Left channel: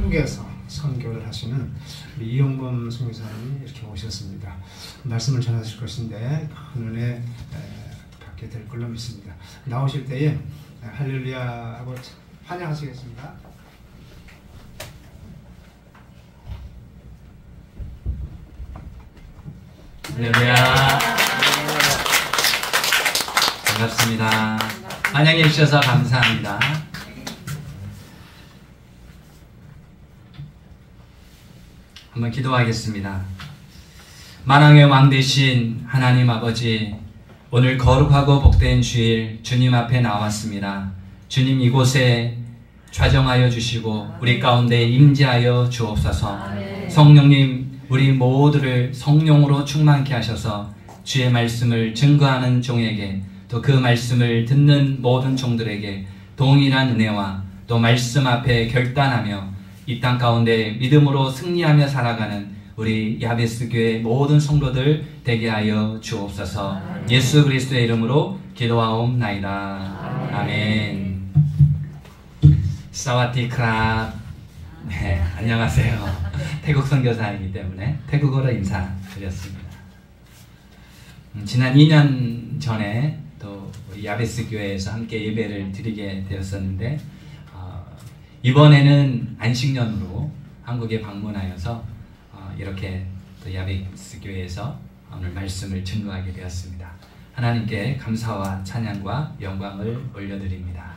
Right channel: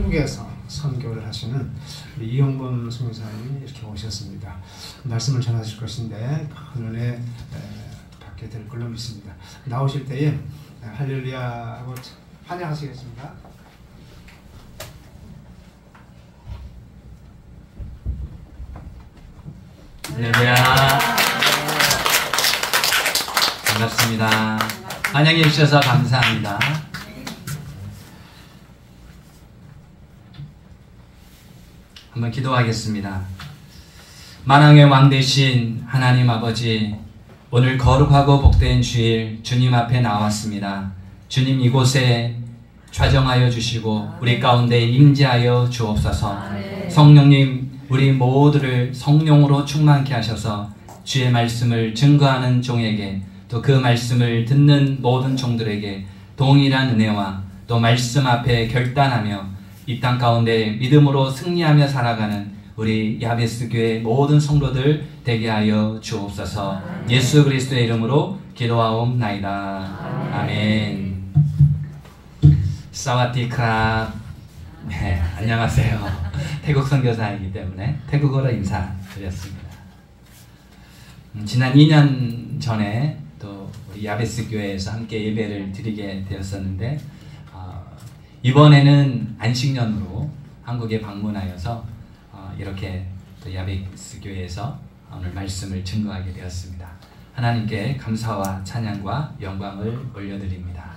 태국에서 선교를 하시는 이영범 선교사님이 이렇게 오셨습니다. 말씀을 전하실 것인데 큰 은혜 받게 될 걸로 믿습니다. 나오실 때에 할렐루야 하고 환영하시겠습니다. 할렐루야. 반갑습니다. 환영해 주셔서 감사합니다. 한번 기도하겠습니다. 만왕의 왕 되신 하나님 아버지, 오늘 거룩하고 복된 주일 주님 앞에 나왔습니다. 주님, 이곳에 좌정하여 주시고 우리 가운데 임재하여 주옵소서. 성령님, 우리 모두를 성령으로 충만케 하셔서 주의 말씀을 증거하는 종에게, 또 그 말씀을 듣는 모든 종들에게 동일한 은혜와 또 말씀 앞에 결단하며 이 땅 가운데 믿음으로 승리하며 살아가는 우리 야베스 교회 모든 성도들 되게 하여 주옵소서. 예수 그리스도의 이름으로 기도하옵나이다. 아멘. 사와디크랍. 네, 안녕하세요. 태국 선교사이기 때문에 태국어로 인사드렸습니다. 지난 2년 전에 또 우리 야베스 교회에서 함께 예배를 드리게 되었었는데, 이번에는 안식년으로 한국에 방문하여서 이렇게 또 야베스 교회에서 오늘 말씀을 증거하게 되었습니다. 하나님께 감사와 찬양과 영광을 올려드립니다.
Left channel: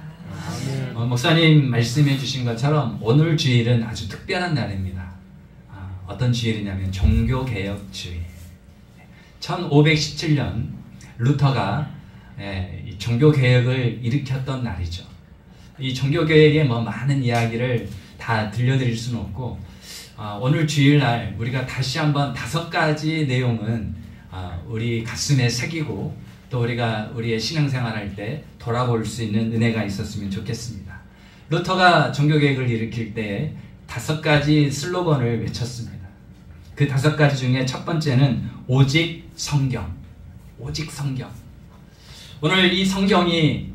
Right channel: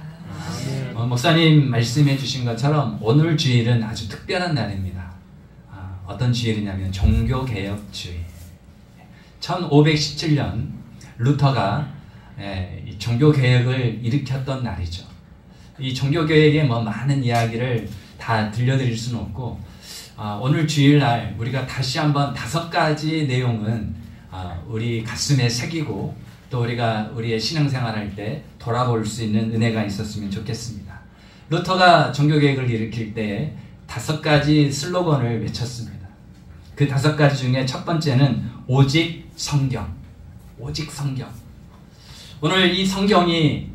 목사님 말씀해 주신 것처럼 오늘 주일은 아주 특별한 날입니다. 어떤 주일이냐면 종교개혁주일. 1517년 루터가 종교개혁을 일으켰던 날이죠. 이 종교개혁의 많은 이야기를 다 들려드릴 수는 없고, 오늘 주일날 우리가 다시 한번 5가지 내용은 우리 가슴에 새기고 또 우리가 우리의 신앙생활할 때 돌아볼 수 있는 은혜가 있었으면 좋겠습니다. 루터가 종교개혁을 일으킬 때 5가지 슬로건을 외쳤습니다. 그 5가지 중에 첫 번째는 오직 성경. 오직 성경. 오늘 이 성경이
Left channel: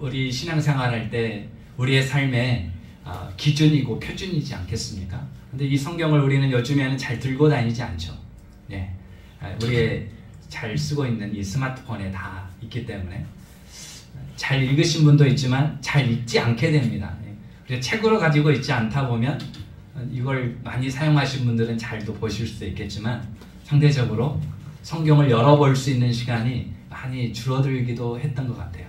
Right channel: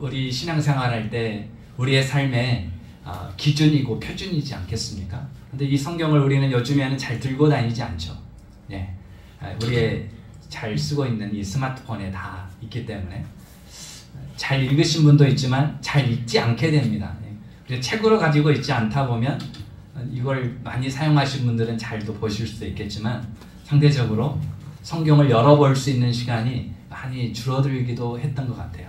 우리 신앙생활할 때 우리의 삶의 기준이고 표준이지 않겠습니까? 근데 이 성경을 우리는 요즘에는 잘 들고 다니지 않죠. 네. 우리의 잘 쓰고 있는 이 스마트폰에 다 있기 때문에 잘 읽으신 분도 있지만 잘 읽지 않게 됩니다. 그래서 책으로 가지고 있지 않다 보면 이걸 많이 사용하신 분들은 잘도 보실 수도 있겠지만 상대적으로 성경을 열어볼 수 있는 시간이 많이 줄어들기도 했던 것 같아요.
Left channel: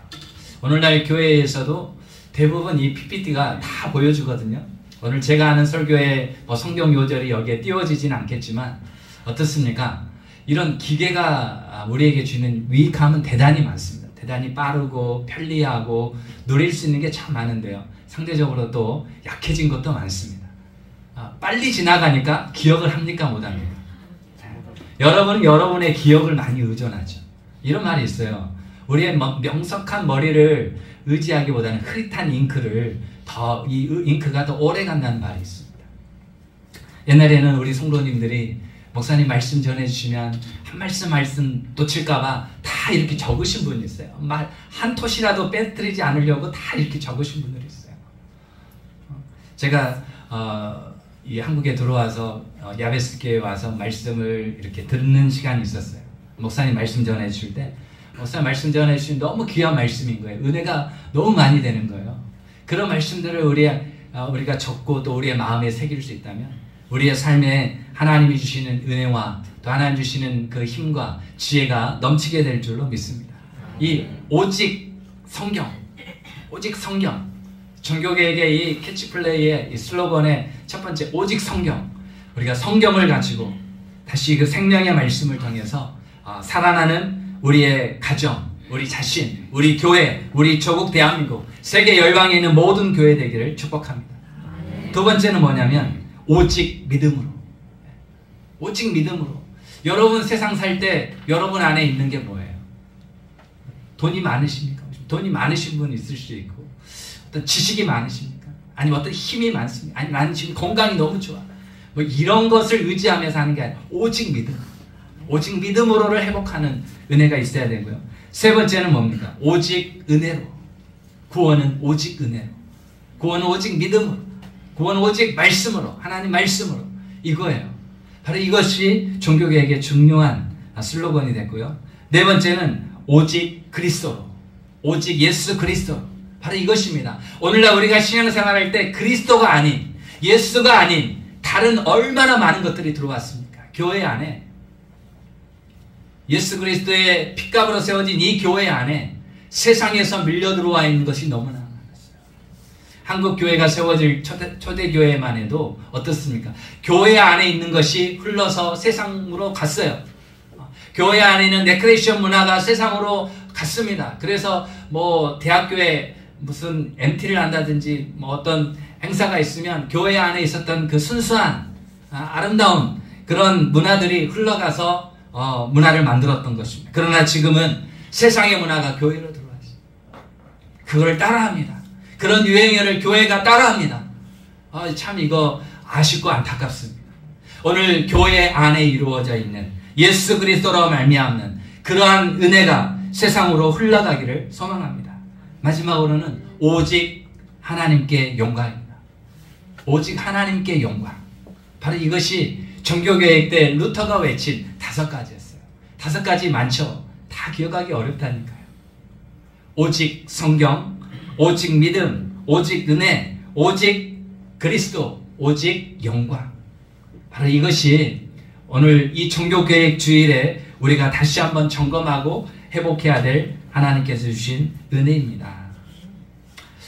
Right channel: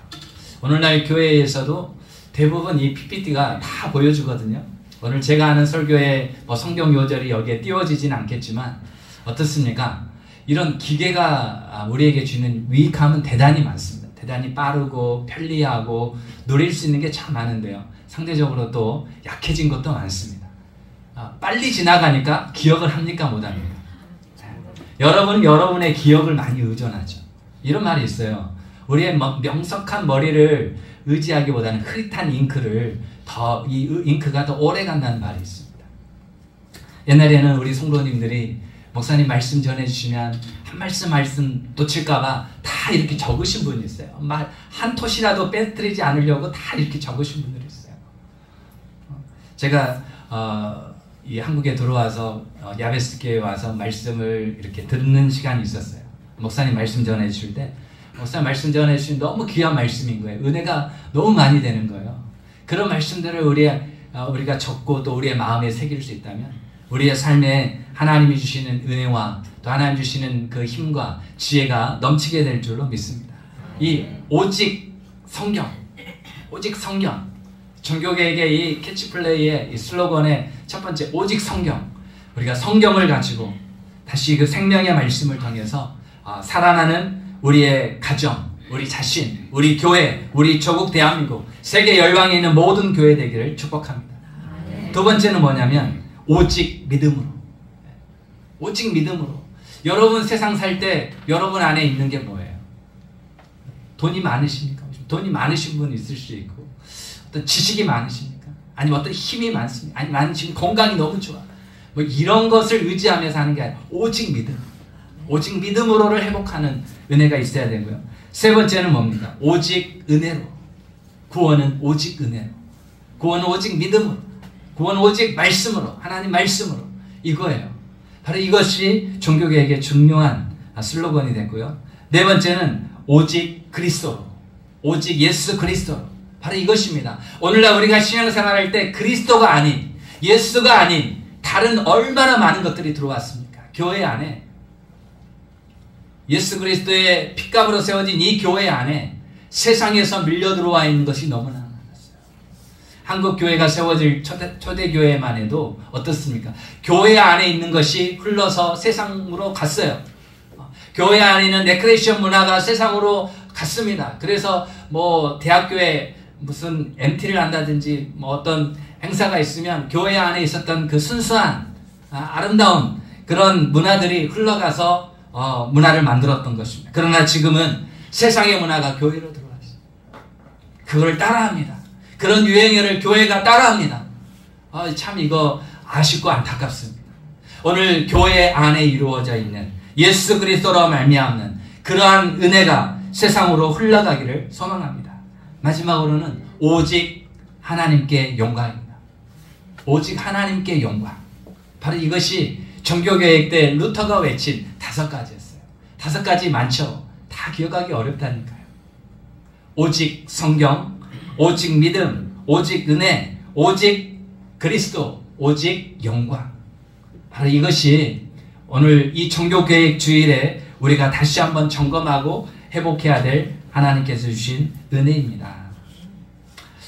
오늘날 교회에서도 대부분 이 PPT가 다 보여주거든요. 오늘 제가 하는 설교에 성경 요절이 여기에 띄워지진 않겠지만 어떻습니까? 이런 기계가 우리에게 주는 유익함은 대단히 많습니다. 대단히 빠르고 편리하고 누릴 수 있는 게 참 많은데요. 상대적으로 또 약해진 것도 많습니다. 빨리 지나가니까 기억을 합니까? 못합니까? 여러분은 여러분의 기억을 많이 의존하죠. 이런 말이 있어요. 우리의 명석한 머리를 의지하기보다는 흐릿한 잉크를 이 잉크가 더 오래 간다는 말이 있습니다. 옛날에는 우리 성도님들이 목사님 말씀 전해주시면 한 말씀 놓칠까봐 다 이렇게 적으신 분이 있어요. 한 토시라도 빼뜨리지 않으려고 다 이렇게 적으신 분들이 있어요. 제가 이 한국에 들어와서 야베스 교회에 와서 말씀을 이렇게 듣는 시간이 있었어요. 목사님 말씀 전해주실 때 목사님 말씀 전해주신 너무 귀한 말씀인 거예요. 은혜가 너무 많이 되는 거예요. 그런 말씀들을 우리가 적고 또 우리의 마음에 새길 수 있다면 우리의 삶에 하나님이 주시는 은혜와 또 하나님 주시는 그 힘과 지혜가 넘치게 될 줄로 믿습니다. 이 오직 성경, 오직 성경. 종교계의 이 캐치플레이의 이 슬로건의 첫 번째 오직 성경. 우리가 성경을 가지고 다시 그 생명의 말씀을 통해서 살아나는 우리의 가정, 우리 자신, 우리 교회, 우리 조국 대한민국, 세계 열방에 있는 모든 교회 되기를 축복합니다. 두 번째는 뭐냐면 오직 믿음으로. 오직 믿음으로. 여러분 세상 살 때 여러분 안에 있는 게 뭐예요? 돈이 많으십니까? 돈이 많으신 분 있을 수 있고, 어떤 지식이 많으십니까? 아니면 어떤 힘이 많습니까? 아니 많으신 건강이 너무 좋아. 이런 것을 의지하면서 하는 게 아니라 오직 믿음. 오직 믿음으로를 회복하는 은혜가 있어야 되고요. 세 번째는 뭡니까? 오직 은혜로. 구원은 오직 은혜로. 구원은 오직 믿음으로. 구원 오직 말씀으로, 하나님 말씀으로, 이거예요. 바로 이것이 종교개혁의 중요한 슬로건이 됐고요. 네 번째는 오직 그리스도로, 오직 예수 그리스도, 바로 이것입니다. 오늘날 우리가 신앙생활할 때 그리스도가 아닌, 예수가 아닌 다른 얼마나 많은 것들이 들어왔습니까? 교회 안에, 예수 그리스도의 핏값으로 세워진 이 교회 안에 세상에서 밀려 들어와 있는 것이 너무나 많았어요. 한국 교회가 세워질 초대교회만 해도 어떻습니까? 교회 안에 있는 것이 흘러서 세상으로 갔어요. 교회 안에 있는 레크레이션 문화가 세상으로 갔습니다. 그래서 뭐 대학교에 무슨 MT를 한다든지 뭐 어떤 행사가 있으면 교회 안에 있었던 그 순수한 아름다운 그런 문화들이 흘러가서 문화를 만들었던 것입니다. 그러나 지금은 세상의 문화가 교회로 들어왔어요. 그걸 따라합니다. 그런 유행어를 교회가 따라합니다. 참 이거 아쉽고 안타깝습니다. 오늘 교회 안에 이루어져 있는 예수 그리스도로 말미암는 그러한 은혜가 세상으로 흘러가기를 소망합니다. 마지막으로는 오직 하나님께 영광입니다. 오직 하나님께 영광. 바로 이것이 종교개혁 때 루터가 외친 5가지였어요. 5가지 많죠. 다 기억하기 어렵다니까요. 오직 성경, 오직 믿음, 오직 은혜, 오직 그리스도, 오직 영광. 바로 이것이 오늘 이 종교개혁 주일에 우리가 다시 한번 점검하고 회복해야 될 하나님께서 주신 은혜입니다.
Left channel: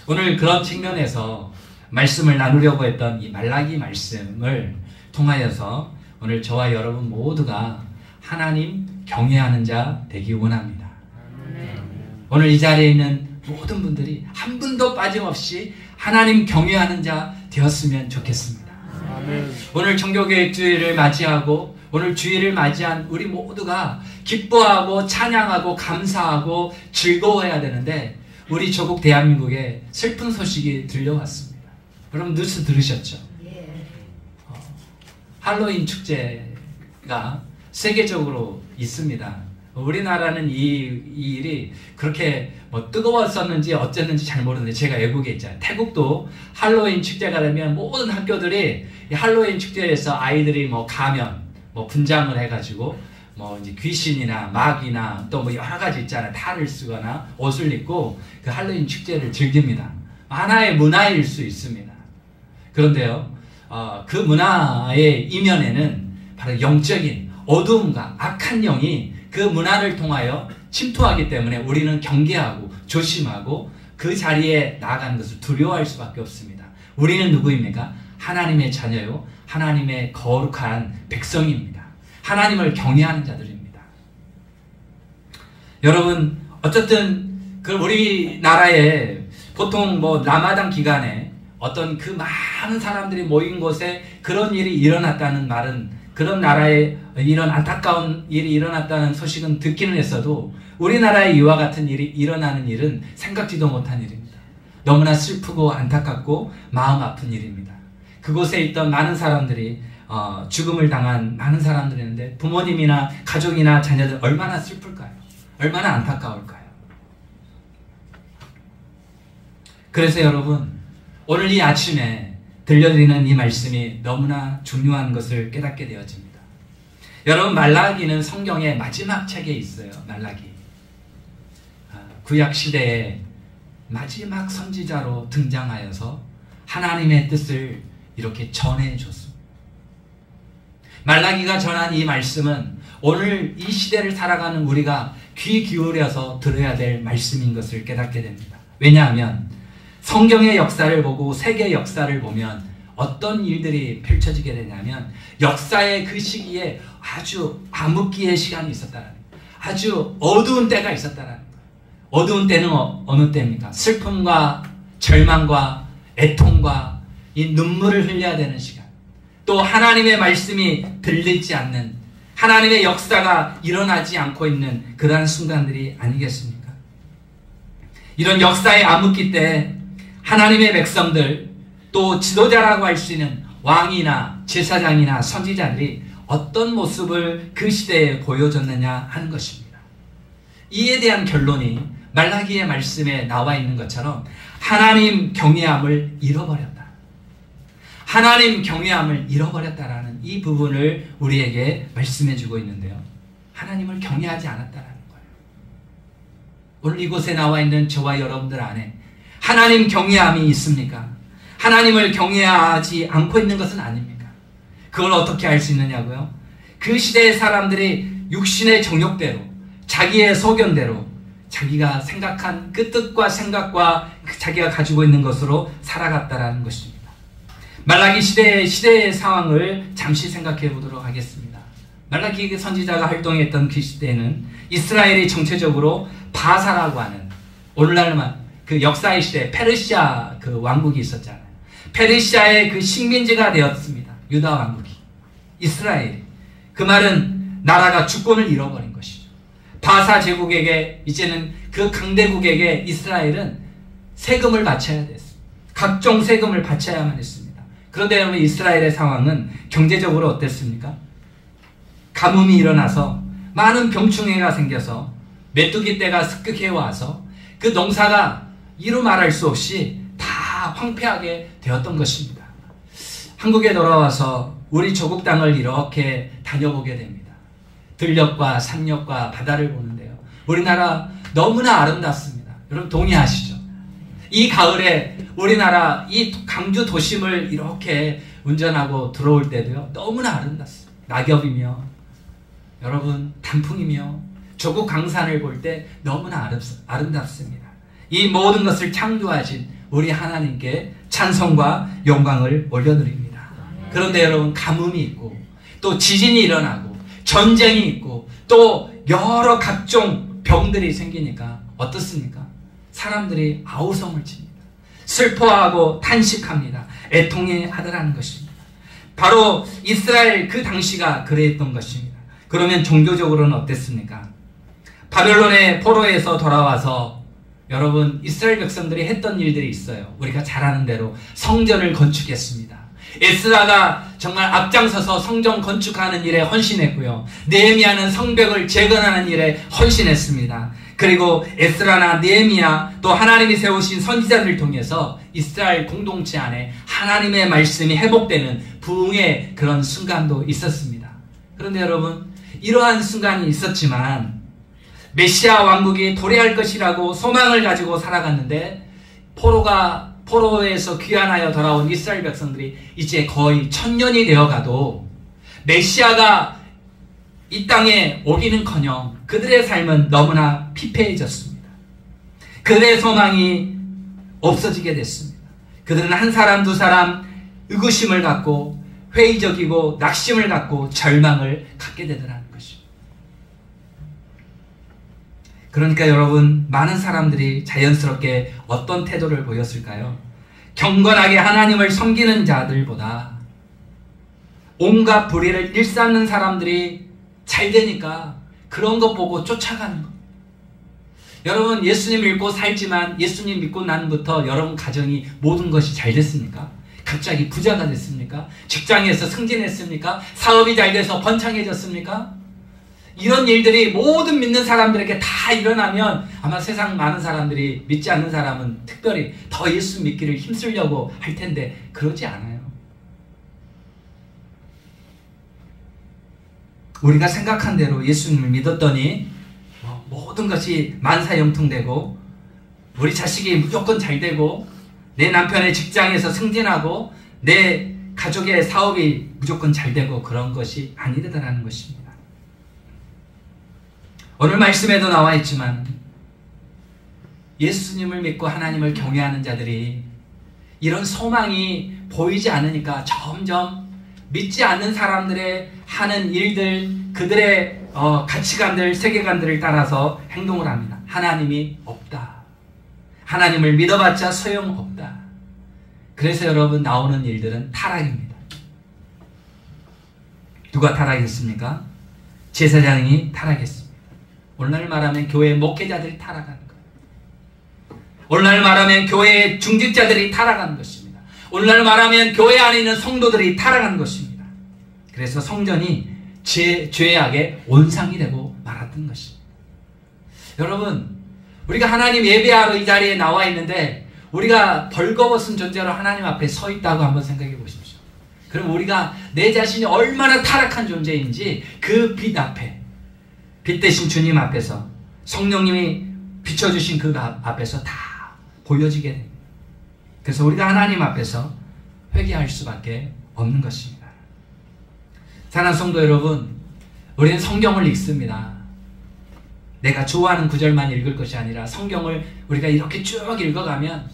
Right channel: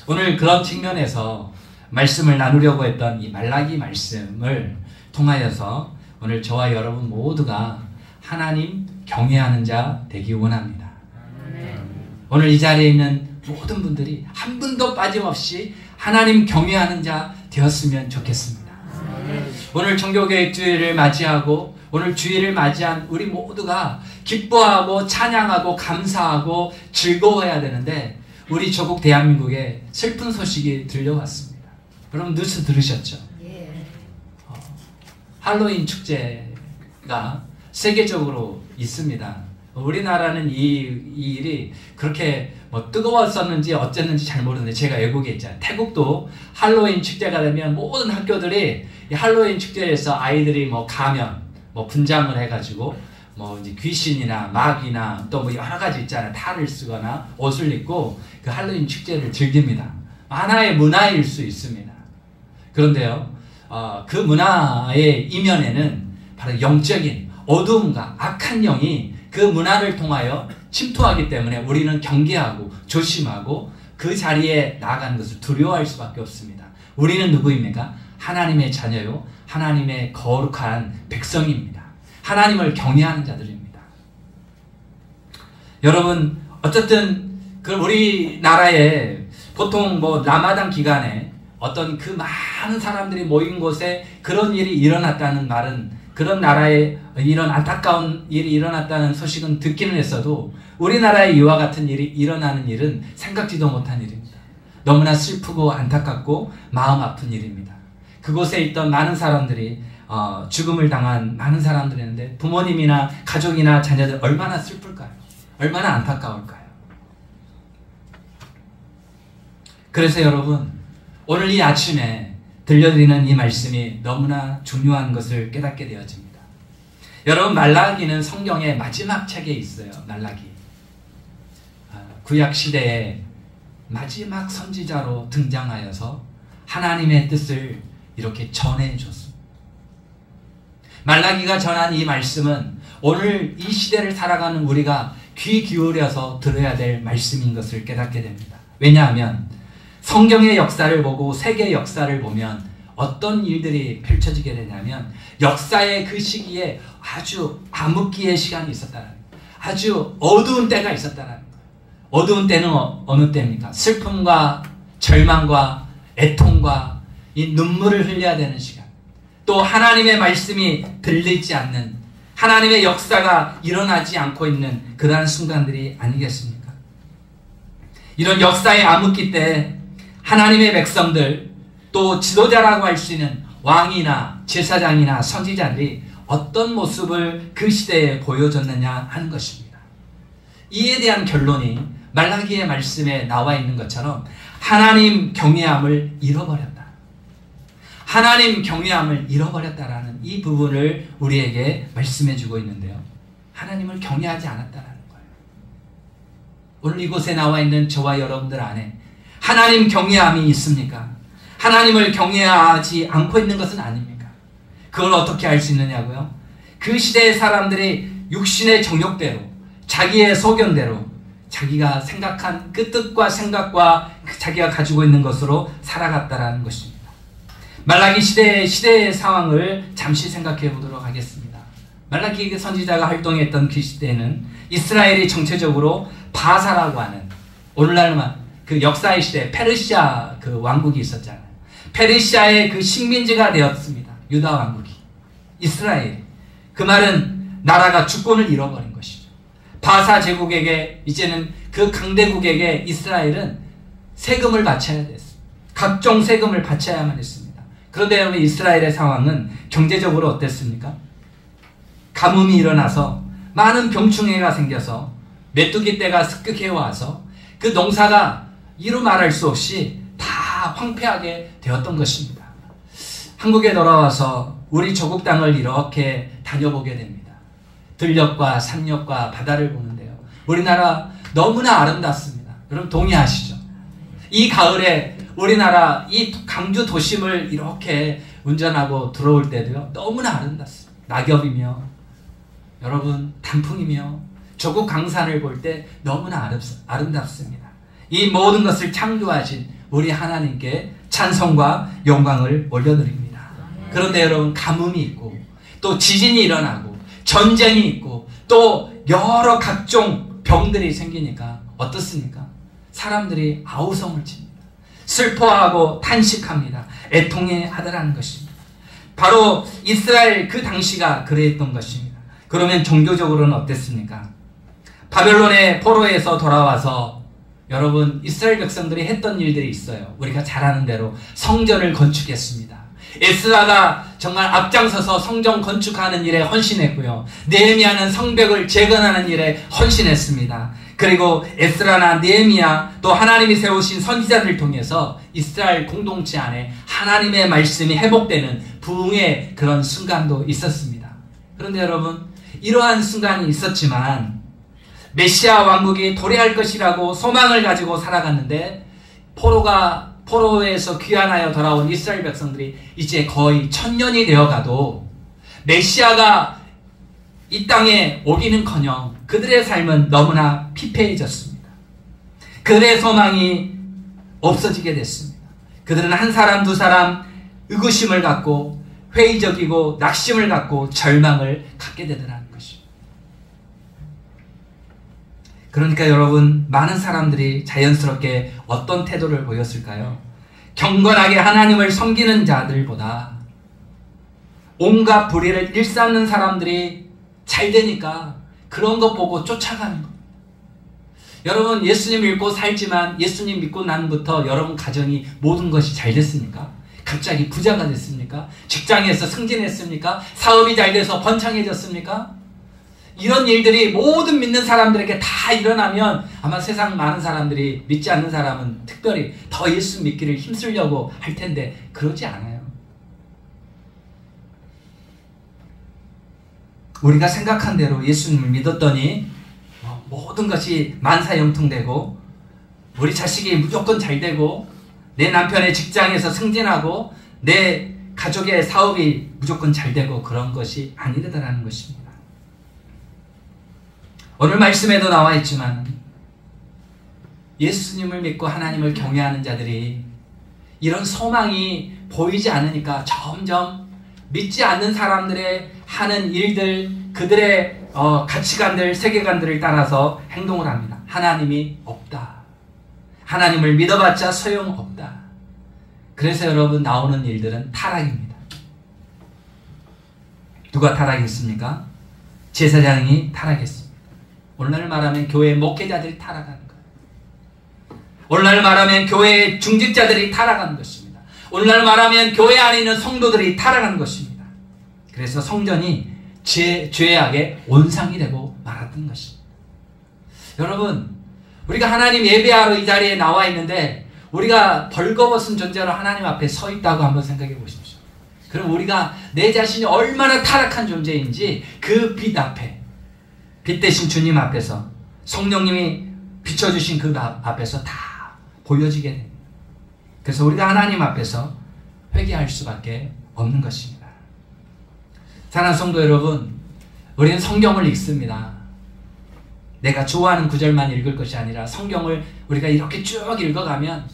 오늘 그런 측면에서 말씀을 나누려고 했던 이 말라기 말씀을 통하여서 오늘 저와 여러분 모두가 하나님 경외하는 자 되기 원합니다. 오늘 이 자리에 있는 모든 분들이 한 분도 빠짐없이 하나님 경외하는 자 되었으면 좋겠습니다. 오늘 종교개혁 주일을 맞이하고 오늘 주일을 맞이한 우리 모두가 기뻐하고 찬양하고 감사하고 즐거워해야 되는데 우리 조국 대한민국에 슬픈 소식이 들려왔습니다. 여러분 뉴스 들으셨죠? 할로윈 축제가 세계적으로 있습니다. 우리나라는 이 일이 그렇게 뭐 뜨거웠었는지 어쨌는지 잘 모르는데 제가 외국에 있잖아요. 태국도 할로윈 축제가 되면 모든 학교들이 이 할로윈 축제에서 아이들이 뭐 가면 뭐 분장을 해가지고 뭐 이제 귀신이나 마귀나 또 뭐 여러 가지 있잖아요. 탈을 쓰거나 옷을 입고 그 할로윈 축제를 즐깁니다. 하나의 문화일 수 있습니다. 그런데요, 그 문화의 이면에는 바로 영적인 어두움과 악한 영이 그 문화를 통하여 침투하기 때문에 우리는 경계하고 조심하고 그 자리에 나아가는 것을 두려워할 수밖에 없습니다. 우리는 누구입니까? 하나님의 자녀요, 하나님의 거룩한 백성입니다. 하나님을 경외하는 자들입니다. 여러분, 어쨌든 그 우리나라에 보통 뭐 라마단 기간에 어떤 그 많은 사람들이 모인 곳에 그런 일이 일어났다는 말은, 그런 나라에 이런 안타까운 일이 일어났다는 소식은 듣기는 했어도 우리나라에 이와 같은 일이 일어나는 일은 생각지도 못한 일입니다. 너무나 슬프고 안타깝고 마음 아픈 일입니다. 그곳에 있던 많은 사람들이 죽음을 당한 많은 사람들이 있는데 부모님이나 가족이나 자녀들 얼마나 슬플까요? 얼마나 안타까울까요? 그래서 여러분, 오늘 이 아침에 들려드리는 이 말씀이 너무나 중요한 것을 깨닫게 되어집니다. 여러분, 말라기는 성경의 마지막 책에 있어요. 말라기. 구약 시대에 마지막 선지자로 등장하여서 하나님의 뜻을 이렇게 전해줬습니다. 말라기가 전한 이 말씀은 오늘 이 시대를 살아가는 우리가 귀 기울여서 들어야 될 말씀인 것을 깨닫게 됩니다. 왜냐하면 성경의 역사를 보고 세계의 역사를 보면 어떤 일들이 펼쳐지게 되냐면 역사의 그 시기에 아주 암흑기의 시간이 있었다는 거예요. 아주 어두운 때가 있었다는 거예요. 어두운 때는 어느 때입니까? 슬픔과 절망과 애통과 이 눈물을 흘려야 되는 시간, 또 하나님의 말씀이 들리지 않는, 하나님의 역사가 일어나지 않고 있는 그러한 순간들이 아니겠습니까? 이런 역사의 암흑기 때 하나님의 백성들, 또 지도자라고 할 수 있는 왕이나 제사장이나 선지자들이 어떤 모습을 그 시대에 보여줬느냐 하는 것입니다. 이에 대한 결론이 말라기의 말씀에 나와 있는 것처럼 하나님 경외함을 잃어버렸다. 하나님 경외함을 잃어버렸다라는 이 부분을 우리에게 말씀해 주고 있는데요. 하나님을 경외하지 않았다라는 거예요. 오늘 이곳에 나와 있는 저와 여러분들 안에 하나님 경외함이 있습니까? 하나님을 경외하지 않고 있는 것은 아닙니까? 그걸 어떻게 알 수 있느냐고요? 그 시대의 사람들이 육신의 정욕대로, 자기의 소견대로, 자기가 생각한 그 뜻과 생각과 자기가 가지고 있는 것으로 살아갔다라는 것입니다. 말라기 시대의 상황을 잠시 생각해 보도록 하겠습니다. 말라기 선지자가 활동했던 그 시대에는 이스라엘이 정체적으로 바사라고 하는, 오늘날만 그 역사의 시대 페르시아 그 왕국이 있었잖아요. 페르시아의 그 식민지가 되었습니다. 유다 왕국이. 이스라엘. 그 말은 나라가 주권을 잃어버린 것이죠. 바사 제국에게, 이제는 그 강대국에게 이스라엘은 세금을 바쳐야 됐습니다. 각종 세금을 바쳐야만 했습니다. 그런데 여러분, 이스라엘의 상황은 경제적으로 어땠습니까? 가뭄이 일어나서 많은 병충해가 생겨서 메뚜기 떼가 습격해 와서 그 농사가 이루 말할 수 없이 다 황폐하게 되었던 것입니다. 한국에 돌아와서 우리 조국 땅을 이렇게 다녀보게 됩니다. 들녘과 산녘과 바다를 보는데요. 우리나라 너무나 아름답습니다. 여러분 동의하시죠? 이 가을에 우리나라 이 강주 도심을 이렇게 운전하고 들어올 때도요. 너무나 아름답습니다. 낙엽이며 여러분 단풍이며 조국 강산을 볼 때 너무나 아름답습니다. 이 모든 것을 창조하신 우리 하나님께 찬송과 영광을 올려드립니다. 그런데 여러분 가뭄이 있고 또 지진이 일어나고 전쟁이 있고 또 여러 각종 병들이 생기니까 어떻습니까? 사람들이 아우성을 칩니다. 슬퍼하고 탄식합니다. 애통해하더라는 것입니다. 바로 이스라엘 그 당시가 그랬던 것입니다. 그러면 종교적으로는 어땠습니까? 바벨론의 포로에서 돌아와서 여러분 이스라엘 백성들이 했던 일들이 있어요. 우리가 잘 아는 대로 성전을 건축했습니다. 에스라가 정말 앞장서서 성전 건축하는 일에 헌신했고요. 느헤미야는 성벽을 재건하는 일에 헌신했습니다. 그리고 에스라나 느헤미야 또 하나님이 세우신 선지자들을 통해서 이스라엘 공동체 안에 하나님의 말씀이 회복되는 부흥의 그런 순간도 있었습니다. 그런데 여러분 이러한 순간이 있었지만 메시아 왕국이 도래할 것이라고 소망을 가지고 살아갔는데 포로에서 귀환하여 돌아온 이스라엘 백성들이 이제 거의 1000년이 되어가도 메시아가 이 땅에 오기는커녕 그들의 삶은 너무나 피폐해졌습니다. 그들의 소망이 없어지게 됐습니다. 그들은 한 사람 두 사람 의구심을 갖고 회의적이고 낙심을 갖고 절망을 갖게 되더라는 것입니다. 그러니까 여러분 많은 사람들이 자연스럽게 어떤 태도를 보였을까요? 경건하게 하나님을 섬기는 자들보다 온갖 불의를 일삼는 사람들이 잘 되니까 그런 거 보고 쫓아가는 겁니다. 여러분 예수님 믿고 살지만 예수님 믿고 난부터 여러분 가정이 모든 것이 잘 됐습니까? 갑자기 부자가 됐습니까? 직장에서 승진했습니까? 사업이 잘 돼서 번창해졌습니까? 이런 일들이 모든 믿는 사람들에게 다 일어나면 아마 세상 많은 사람들이 믿지 않는 사람은 특별히 더 예수 믿기를 힘쓰려고 할 텐데 그러지 않아요. 우리가 생각한 대로 예수님을 믿었더니 모든 것이 만사형통되고 우리 자식이 무조건 잘 되고 내 남편의 직장에서 승진하고 내 가족의 사업이 무조건 잘 되고 그런 것이 아니더라는 것입니다. 오늘 말씀에도 나와 있지만 예수님을 믿고 하나님을 경외하는 자들이 이런 소망이 보이지 않으니까 점점 믿지 않는 사람들의 하는 일들, 그들의 가치관들, 세계관들을 따라서 행동을 합니다. 하나님이 없다. 하나님을 믿어봤자 소용없다. 그래서 여러분 나오는 일들은 타락입니다. 누가 타락했습니까? 제사장이 타락했습니다. 오늘날 말하면 교회 목회자들이 타락하는 거예요. 오늘날 말하면 교회의 중직자들이 타락하는 것입니다. 오늘날 말하면 교회 안에 있는 성도들이 타락하는 것입니다. 그래서 성전이 죄악의 온상이 되고 말았던 것입니다. 여러분 우리가 하나님 예배하러 이 자리에 나와 있는데 우리가 벌거벗은 존재로 하나님 앞에 서 있다고 한번 생각해 보십시오. 그럼 우리가 내 자신이 얼마나 타락한 존재인지 그 빛 앞에, 빛 대신 주님 앞에서, 성령님이 비춰주신 그 앞에서 다 보여지게 됩니다. 그래서 우리가 하나님 앞에서 회개할 수밖에 없는 것입니다. 사랑하는 성도 여러분, 우리는 성경을 읽습니다. 내가 좋아하는 구절만 읽을 것이 아니라 성경을 우리가 이렇게 쭉 읽어가면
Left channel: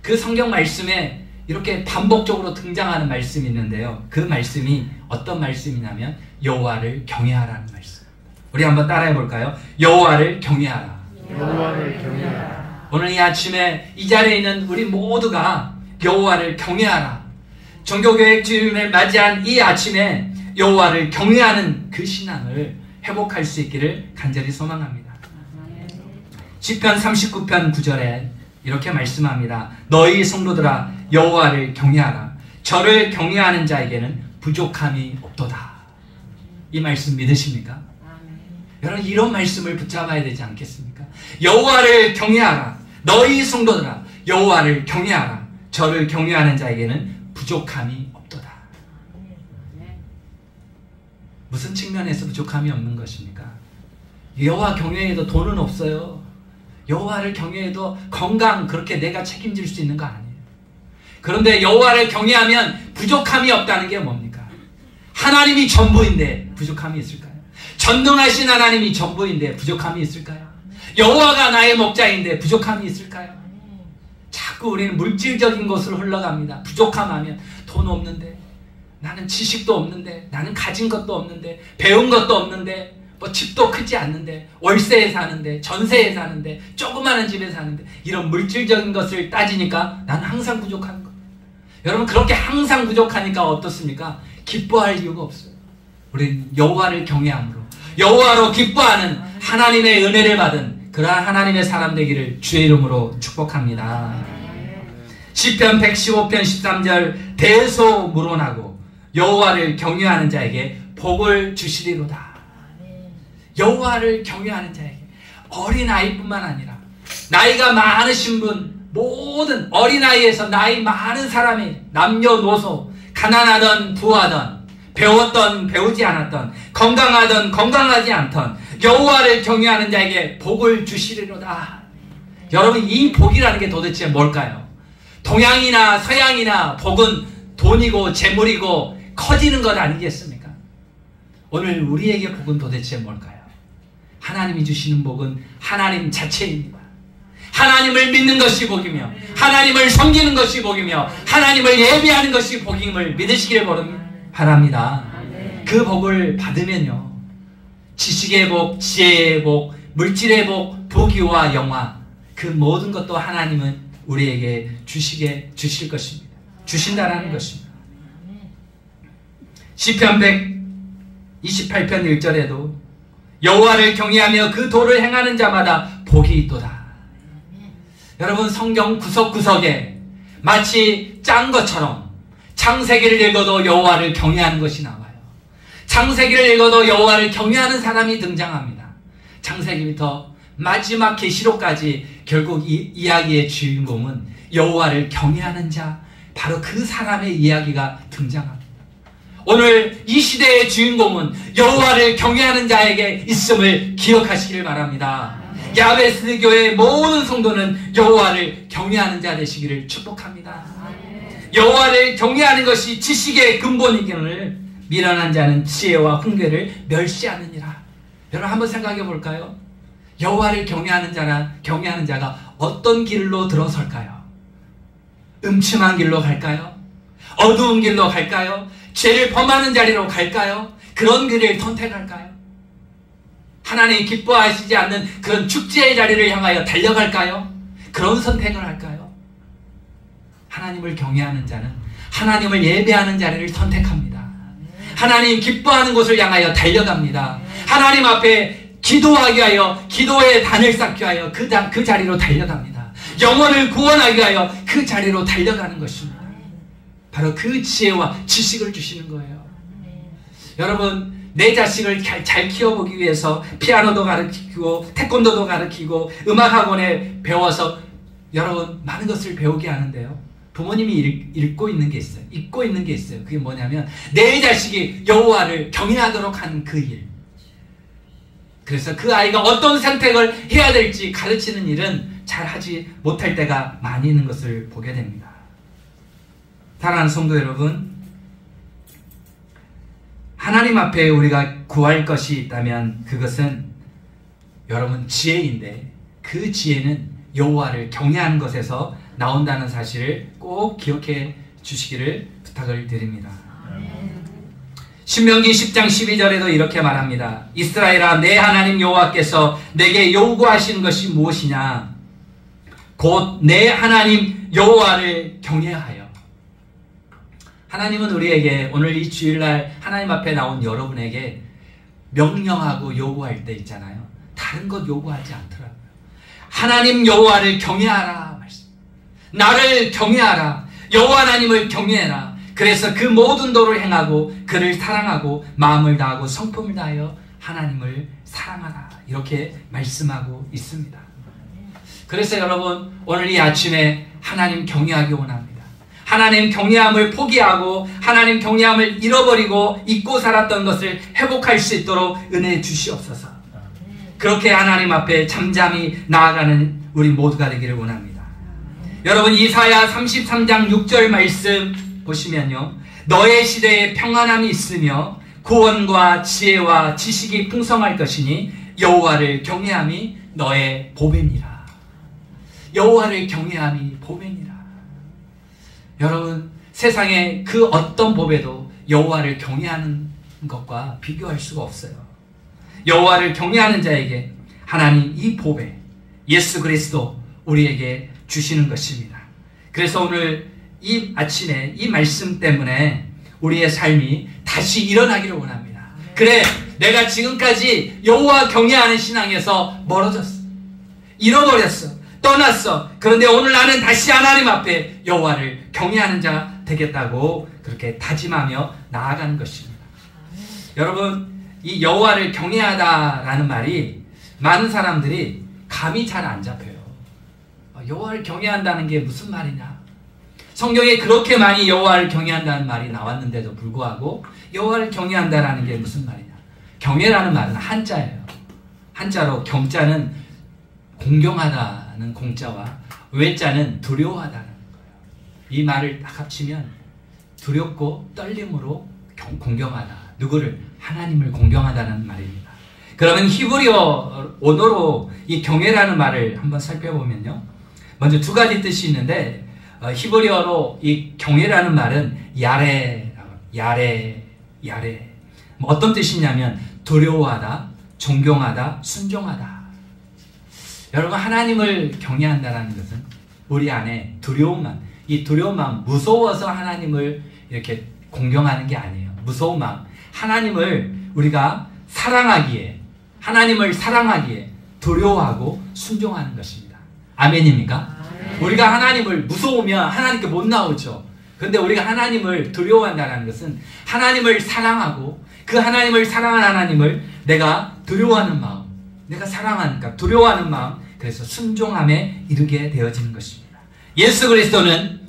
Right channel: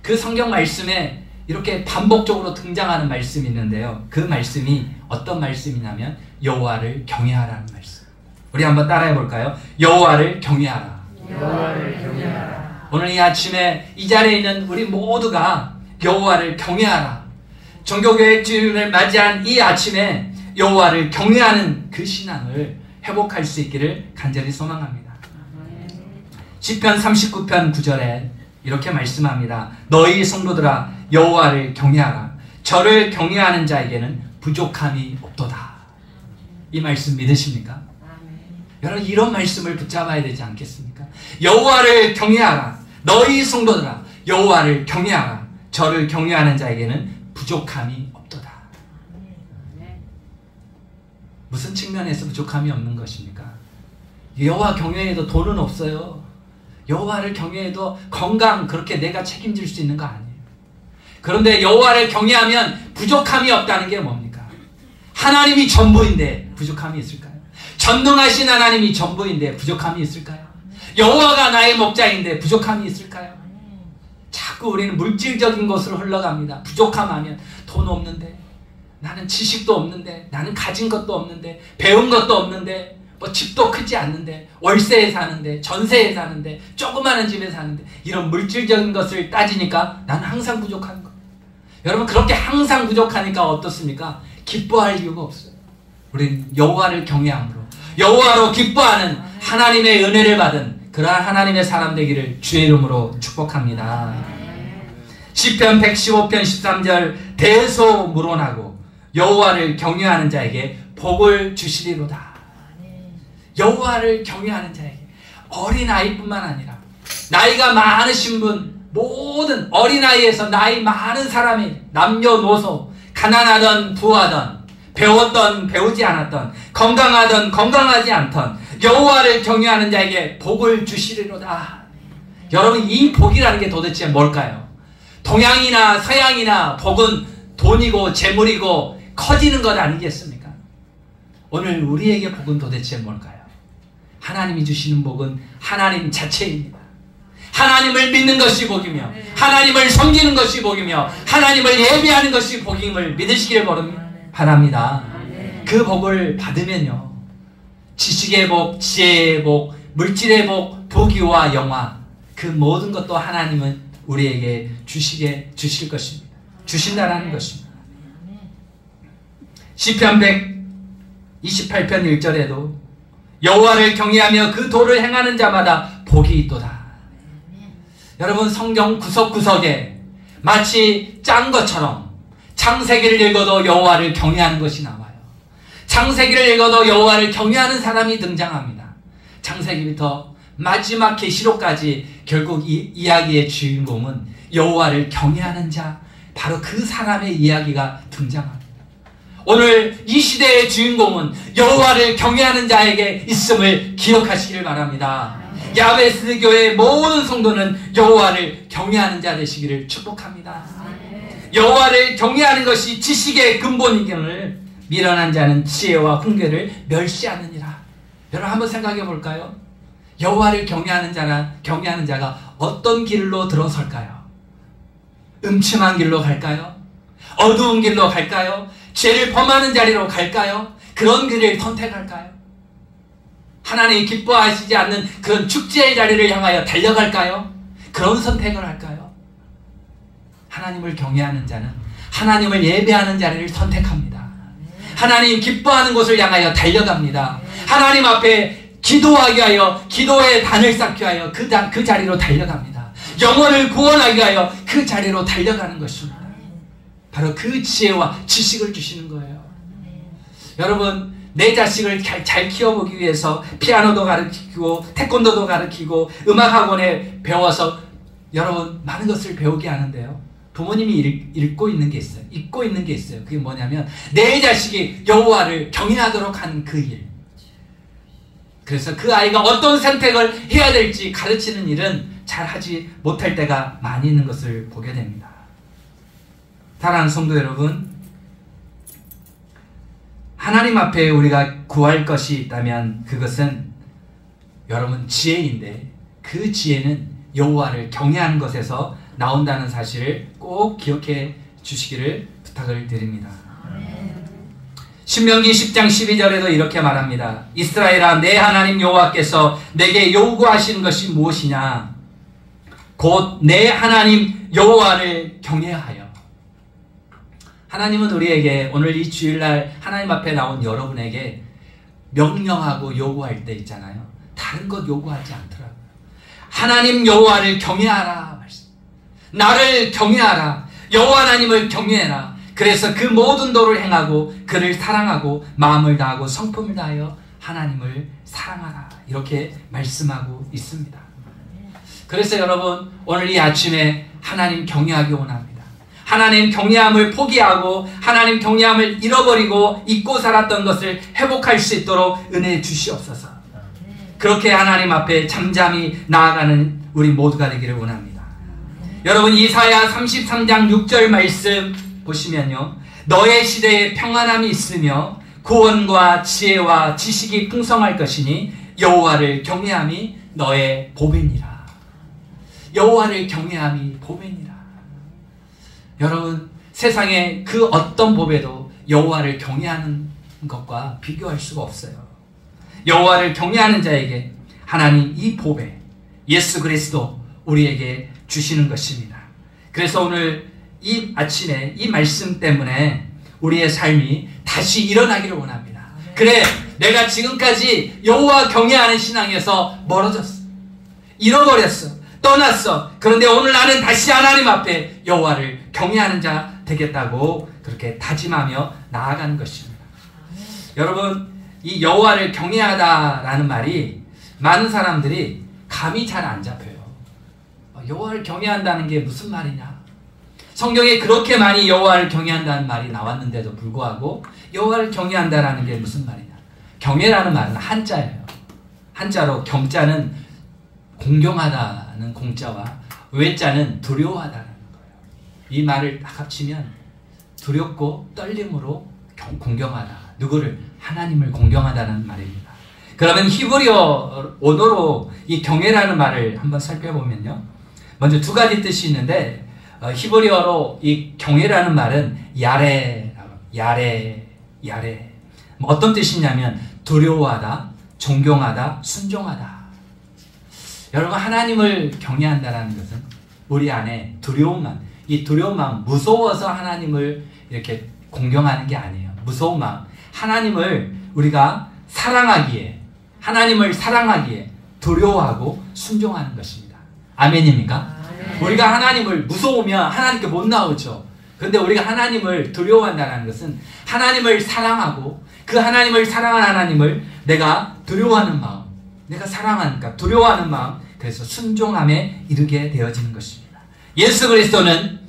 그 성경 말씀에 이렇게 반복적으로 등장하는 말씀이 있는데요. 그 말씀이 어떤 말씀이냐면 여호와를 경외하라는 말씀. 우리 한번 따라해 볼까요? 여호와를 경외하라. 여호와를 경외하라. 오늘 이 아침에 이 자리에 있는 우리 모두가 여호와를 경외하라. 종교교회 주일을 맞이한 이 아침에 여호와를 경외하는 그 신앙을 회복할 수 있기를 간절히 소망합니다. 시편 39편 9절에 이렇게 말씀합니다. 너희 성도들아 여호와를 경외하라. 저를 경외하는 자에게는 부족함이 없도다. 이 말씀 믿으십니까? 여러분 이런 말씀을 붙잡아야 되지 않겠습니까? 여호와를 경외하라. 너희 성도들아 여호와를 경외하라. 저를 경외하는 자에게는 부족함이 없도다. 무슨 측면에서 부족함이 없는 것입니까? 여호와 경외에도 돈은 없어요. 여호와를 경외해도 건강 그렇게 내가 책임질 수 있는 거 아니에요. 그런데 여호와를 경외하면 부족함이 없다는 게 뭡니까? 하나님이 전부인데 부족함이 있을까요? 전능하신 하나님이 전부인데 부족함이 있을까요? 여호와가 나의 목자인데 부족함이 있을까요? 자꾸 우리는 물질적인 것으로 흘러갑니다. 부족함하면 돈 없는데, 나는 지식도 없는데, 나는 가진 것도 없는데, 배운 것도 없는데, 뭐 집도 크지 않는데, 월세에 사는데, 전세에 사는데, 조그마한 집에 사는데, 이런 물질적인 것을 따지니까 나는 항상 부족한 거예요. 여러분 그렇게 항상 부족하니까 어떻습니까? 기뻐할 이유가 없어요. 우리는 여호와를 경외함으로 여호와로 기뻐하는 하나님의 은혜를 받은 그러한 하나님의 사람 되기를 주의 이름으로 축복합니다. 시편 115편 13절 대소문원하고 여호와를 경외하는 자에게 복을 주시리로다. 여호와를 경외하는 자에게, 어린아이뿐만 아니라 나이가 많으신 분, 모든 어린아이에서 나이 많은 사람이 남녀노소, 가난하던 부하던, 배웠던 배우지 않았던, 건강하던 건강하지 않던 여호와를 경외하는 자에게 복을 주시리로다. 여러분 이 복이라는 게 도대체 뭘까요? 동양이나 서양이나 복은 돈이고 재물이고 커지는 것 아니겠습니까? 오늘 우리에게 복은 도대체 뭘까요? 하나님이 주시는 복은 하나님 자체입니다. 하나님을 믿는 것이 복이며 하나님을 섬기는 것이 복이며 하나님을 예배하는 것이 복임을 믿으시길 바랍니다. 그 복을 받으면요, 지식의 복, 지혜의 복, 물질의 복, 부귀와 영화, 그 모든 것도 하나님은 우리에게 주실 것입니다. 주신다라는 것입니다. 시편 128편 1절에도 여호와를 경외하며 그 도를 행하는 자마다 복이 있도다. 여러분 성경 구석구석에 마치 짠 것처럼 창세기를 읽어도 여호와를 경외하는 것이 나와요. 창세기를 읽어도 여호와를 경외하는 사람이 등장합니다. 창세기부터 마지막 계시록까지 결국 이 이야기의 주인공은 여호와를 경외하는 자, 바로 그 사람의 이야기가 등장합니다. 오늘 이 시대의 주인공은 여호와를 경외하는 자에게 있음을 기억하시길 바랍니다. 야베스 교회의 모든 성도는 여호와를 경외하는 자 되시기를 축복합니다. 여호와를 경외하는 것이 지식의 근본이기를 미련한 자는 지혜와 훈계를 멸시하느니라. 여러분 한번 생각해 볼까요? 여호와를 경외하는 자가 어떤 길로 들어설까요? 음침한 길로 갈까요? 어두운 길로 갈까요? 죄를 범하는 자리로 갈까요? 그런 길을 선택할까요? 하나님이 기뻐하시지 않는 그런 축제의 자리를 향하여 달려갈까요? 그런 선택을 할까요? 하나님을 경외하는 자는 하나님을 예배하는 자리를 선택합니다. 하나님 기뻐하는 곳을 향하여 달려갑니다. 하나님 앞에 기도하기 위하여 기도의 단을 쌓기 위하여 그 자리로 달려갑니다. 영혼을 구원하기 위하여 그 자리로 달려가는 것입니다. 바로 그 지혜와 지식을 주시는 거예요. 여러분 내 자식을 잘 키워보기 위해서 피아노도 가르치고 태권도도 가르치고 음악학원에 배워서 여러분 많은 것을 배우게 하는데요. 부모님이 읽고 있는 게 있어요. 잊고 있는 게 있어요. 그게 뭐냐면 내 자식이 여호와를 경외하도록 하는 그 일. 그래서 그 아이가 어떤 선택을 해야 될지 가르치는 일은 잘 하지 못할 때가 많이 있는 것을 보게 됩니다. 사랑하는 성도 여러분, 하나님 앞에 우리가 구할 것이 있다면 그것은 여러분 지혜인데, 그 지혜는 여호와를 경외하는 것에서 나온다는 사실을 꼭 기억해 주시기를 부탁을 드립니다. 신명기 10장 12절에도 이렇게 말합니다. 이스라엘아, 내 하나님 여호와께서 내게 요구하시는 것이 무엇이냐? 곧 내 하나님 여호와를 경외하여. 하나님은 우리에게 오늘 이 주일날 하나님 앞에 나온 여러분에게 명령하고 요구할 때 있잖아요. 다른 것 요구하지 않더라고요. 하나님 여호와를 경외하라 말씀. 나를 경외하라. 여호와 하나님을 경외해라. 그래서 그 모든 도를 행하고 그를 사랑하고 마음을 다하고 성품을 다하여 하나님을 사랑하라. 이렇게 말씀하고 있습니다. 그래서 여러분, 오늘 이 아침에 하나님 경외하기 원합니다. 하나님 경외함을 포기하고 하나님 경외함을 잃어버리고 잊고 살았던 것을 회복할 수 있도록 은혜 주시옵소서. 그렇게 하나님 앞에 잠잠히 나아가는 우리 모두가 되기를 원합니다. 여러분, 이사야 33장 6절 말씀 보시면요, 너의 시대에 평안함이 있으며 구원과 지혜와 지식이 풍성할 것이니 여호와를 경외함이 너의 보배니라. 여호와를 경외함이 보배니라. 여러분, 세상에 그 어떤 보배도 여호와를 경외하는 것과 비교할 수가 없어요. 여호와를 경외하는 자에게 하나님 이 보배 예수 그리스도 우리에게 주시는 것입니다. 그래서 오늘 이 아침에 이 말씀 때문에 우리의 삶이 다시 일어나기를 원합니다. 그래, 내가 지금까지 여호와 경외하는 신앙에서 멀어졌어, 잃어버렸어, 떠났어. 그런데 오늘 나는 다시 하나님 앞에 여호와를 경외하는 자 되겠다고 그렇게 다짐하며 나아가는 것입니다. 여러분, 이 여호와를 경외하다라는 말이 많은 사람들이 감이 잘 안 잡혀요. 여호와를 경외한다는 게 무슨 말이냐? 성경에 그렇게 많이 여호와를 경외한다는 말이 나왔는데도 불구하고 여호와를 경외한다라는 게 무슨 말이냐? 경외라는 말은 한자예요. 한자로 경자는 공경하다는 공자와 외자는 두려워하다는 거예요. 이 말을 합치면 두렵고 떨림으로 공경하다. 누구를? 하나님을 공경하다는 말입니다. 그러면 히브리어 언어로 이 경외라는 말을 한번 살펴보면요, 먼저 두 가지 뜻이 있는데, 히브리어로 이 경외라는 말은 야레. 어떤 뜻이냐면 두려워하다, 존경하다, 순종하다. 여러분, 하나님을 경외한다는 것은 우리 안에 두려운 마음, 이 두려운 마음, 무서워서 하나님을 이렇게 공경하는 게 아니에요. 무서운 마음, 하나님을 우리가 사랑하기에, 하나님을 사랑하기에 두려워하고 순종하는 것입니다. 아멘입니까? 우리가 하나님을 무서우면 하나님께 못 나오죠. 그런데 우리가 하나님을 두려워한다는 것은 하나님을 사랑하고 그 하나님을 사랑하는 하나님을 내가 두려워하는 마음, 내가 사랑하니까 두려워하는 마음, 그래서 순종함에 이르게 되어지는 것입니다. 예수 그리스도는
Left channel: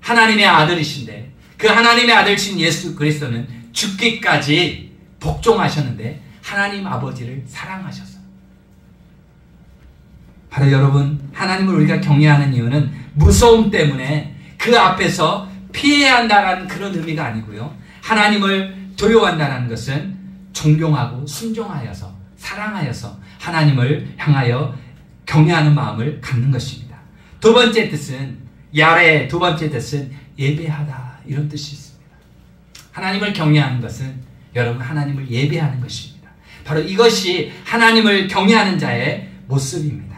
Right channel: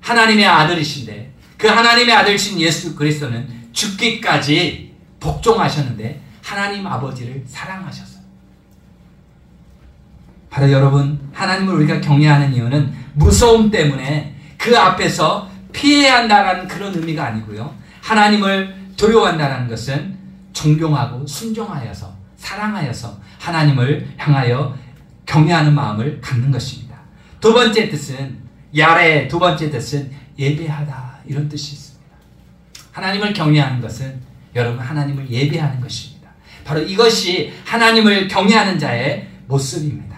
하나님의 아들이신데 그 하나님의 아들이신 예수 그리스도는 죽기까지 복종하셨는데 하나님 아버지를 사랑하셨어요. 바로 여러분, 하나님을 우리가 경외하는 이유는 무서움 때문에 그 앞에서 피해야 한다는 그런 의미가 아니고요, 하나님을 두려워한다는 것은 존경하고 순종하여서 사랑하여서 하나님을 향하여 경외하는 마음을 갖는 것입니다. 두 번째 뜻은 야레, 두 번째 뜻은 예배하다, 이런 뜻이 있습니다. 하나님을 경외하는 것은 여러분 하나님을 예배하는 것입니다. 바로 이것이 하나님을 경외하는 자의 모습입니다.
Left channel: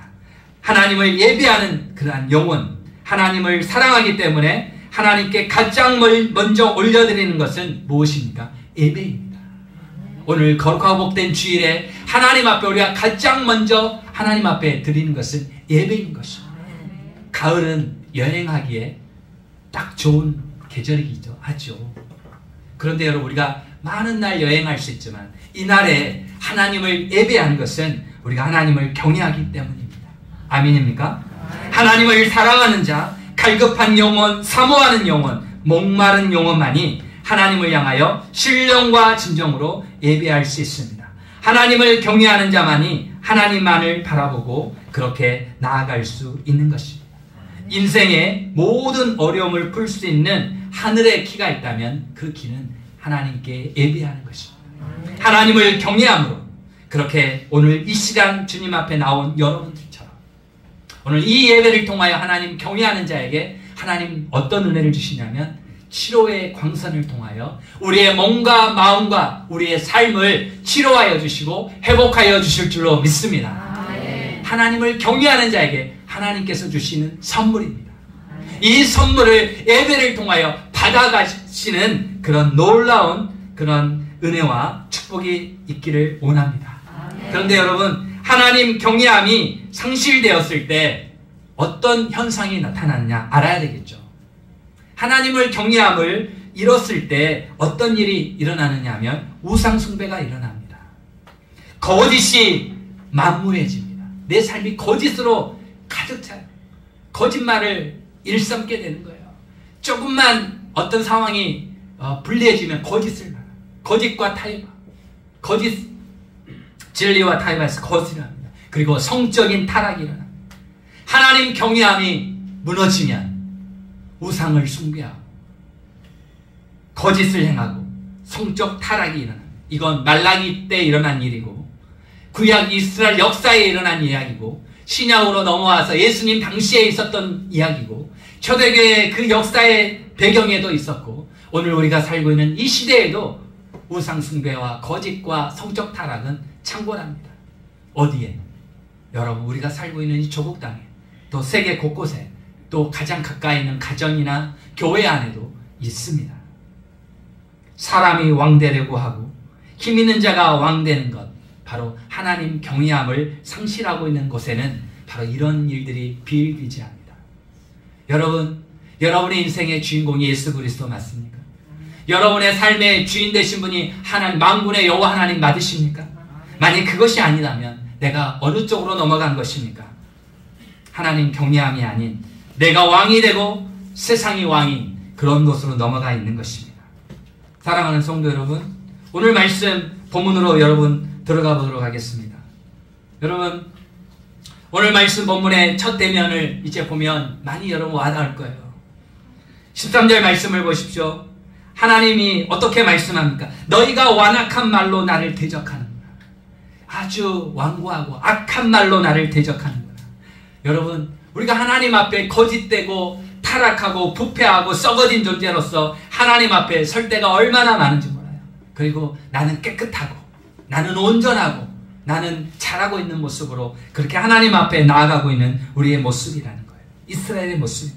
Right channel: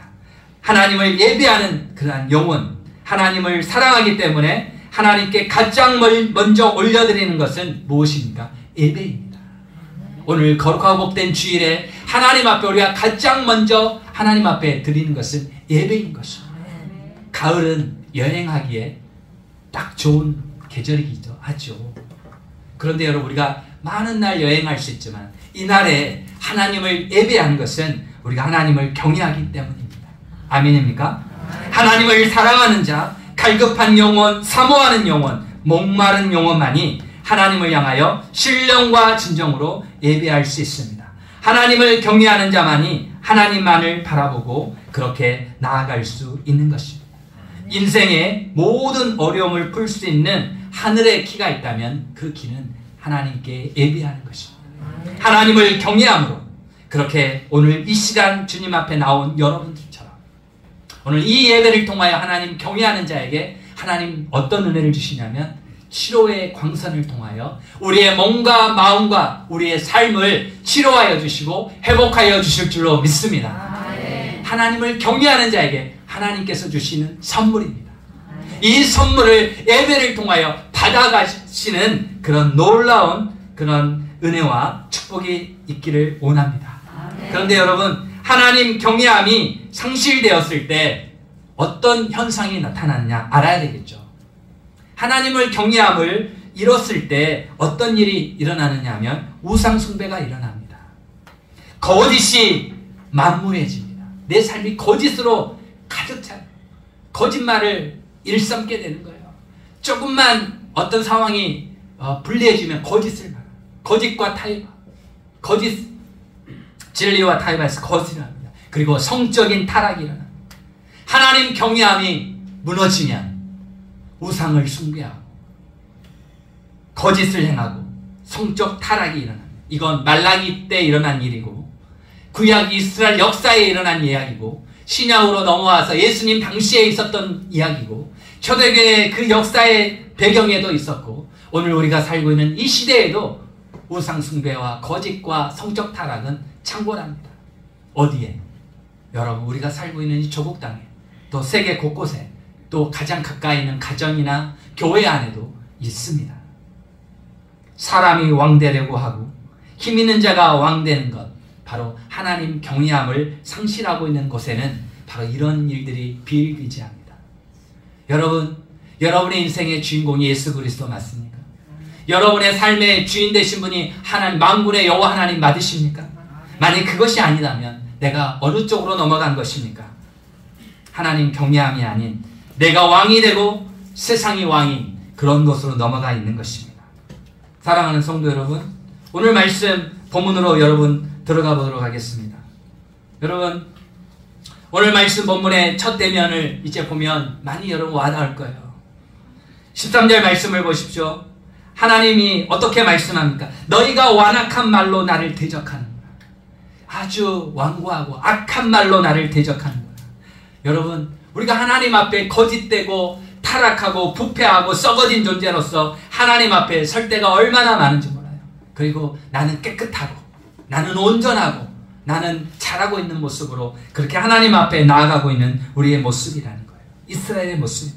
하나님을 예배하는 그러한 영혼, 하나님을 사랑하기 때문에 하나님께 가장 먼저 올려드리는 것은 무엇입니까? 예배입니다. 오늘 거룩하고 복된 주일에 하나님 앞에 우리가 가장 먼저 하나님 앞에 드리는 것은 예배인 것입니다. 가을은 여행하기에 딱 좋은 계절이기도 하죠. 그런데 여러분, 우리가 많은 날 여행할 수 있지만 이날에 하나님을 예배하는 것은 우리가 하나님을 경외하기 때문입니다. 아멘입니까? 하나님을 사랑하는 자, 갈급한 영혼, 사모하는 영혼, 목마른 영혼만이 하나님을 향하여 신령과 진정으로 예배할 수 있습니다. 하나님을 경외하는 자만이 하나님만을 바라보고 그렇게 나아갈 수 있는 것입니다. 인생의 모든 어려움을 풀 수 있는 하늘의 키가 있다면 그 키는 하나님께 예배하는 것입니다. 하나님을 경외함으로 그렇게 오늘 이 시간 주님 앞에 나온 여러분들처럼 오늘 이 예배를 통하여 하나님 경외하는 자에게 하나님 어떤 은혜를 주시냐면 치료의 광선을 통하여 우리의 몸과 마음과 우리의 삶을 치료하여 주시고 회복하여 주실 줄로 믿습니다. 하나님을 경외하는 자에게 하나님께서 주시는 선물입니다. 이 선물을 예배를 통하여 받아가시는 그런 놀라운 그런 은혜와 축복이 있기를 원합니다. 그런데 여러분, 하나님 경외함이 상실되었을 때 어떤 현상이 나타나느냐 알아야 되겠죠. 하나님을 경외함을 잃었을 때 어떤 일이 일어나느냐 하면 우상 숭배가 일어납니다. 거짓이 만무해집니다. 내 삶이 거짓으로 가득 차 거짓말을 일삼게 되는 거예요. 조금만 어떤 상황이 불리해지면 거짓을 말해요. 거짓과 타협, 거짓 진리와 타협해서 거짓을 합니다. 그리고 성적인 타락이 일어납니다. 하나님 경외함이 무너지면 우상을 숭배하고 거짓을 행하고 성적 타락이 일어납니다. 이건 말라기 때 일어난 일이고 구약 이스라엘 역사에 일어난 이야기고 신약으로 넘어와서 예수님 당시에 있었던 이야기고 초대교회의 그 역사의 배경에도 있었고 오늘 우리가 살고 있는 이 시대에도 우상 숭배와 거짓과 성적 타락은 창궐합니다. 어디에? 여러분, 우리가 살고 있는 이 조국 땅에 또 세계 곳곳에 또 가장 가까이 있는 가정이나 교회 안에도 있습니다. 사람이 왕되려고 하고 힘 있는 자가 왕되는 것, 바로 하나님 경외함을 상실하고 있는 곳에는 바로 이런 일들이 비일비재합니다. 여러분, 여러분의 인생의 주인공이 예수 그리스도 맞습니까? 여러분의 삶의 주인 되신 분이 하나님, 만군의 여호와 하나님 맞으십니까? 만약 그것이 아니라면 내가 어느 쪽으로 넘어간 것입니까? 하나님 경외함이 아닌 내가 왕이 되고 세상이 왕인 그런 곳으로 넘어가 있는 것입니다. 사랑하는 성도 여러분, 오늘 말씀 본문으로 여러분 들어가 보도록 하겠습니다. 여러분, 오늘 말씀 본문의 첫 대면을 이제 보면 많이 여러분 와닿을 거예요. 13절 말씀을 보십시오. 하나님이 어떻게 말씀합니까? 너희가 완악한 말로 나를 대적하는구나. 아주 완고하고 악한 말로 나를 대적하는구나. 여러분, 우리가 하나님 앞에 거짓되고 타락하고 부패하고 썩어진 존재로서 하나님 앞에 설 때가 얼마나 많은지 몰라요. 그리고 나는 깨끗하고 나는 온전하고 나는 잘하고 있는 모습으로 그렇게 하나님 앞에 나아가고 있는 우리의 모습이라는 거예요. 이스라엘의 모습.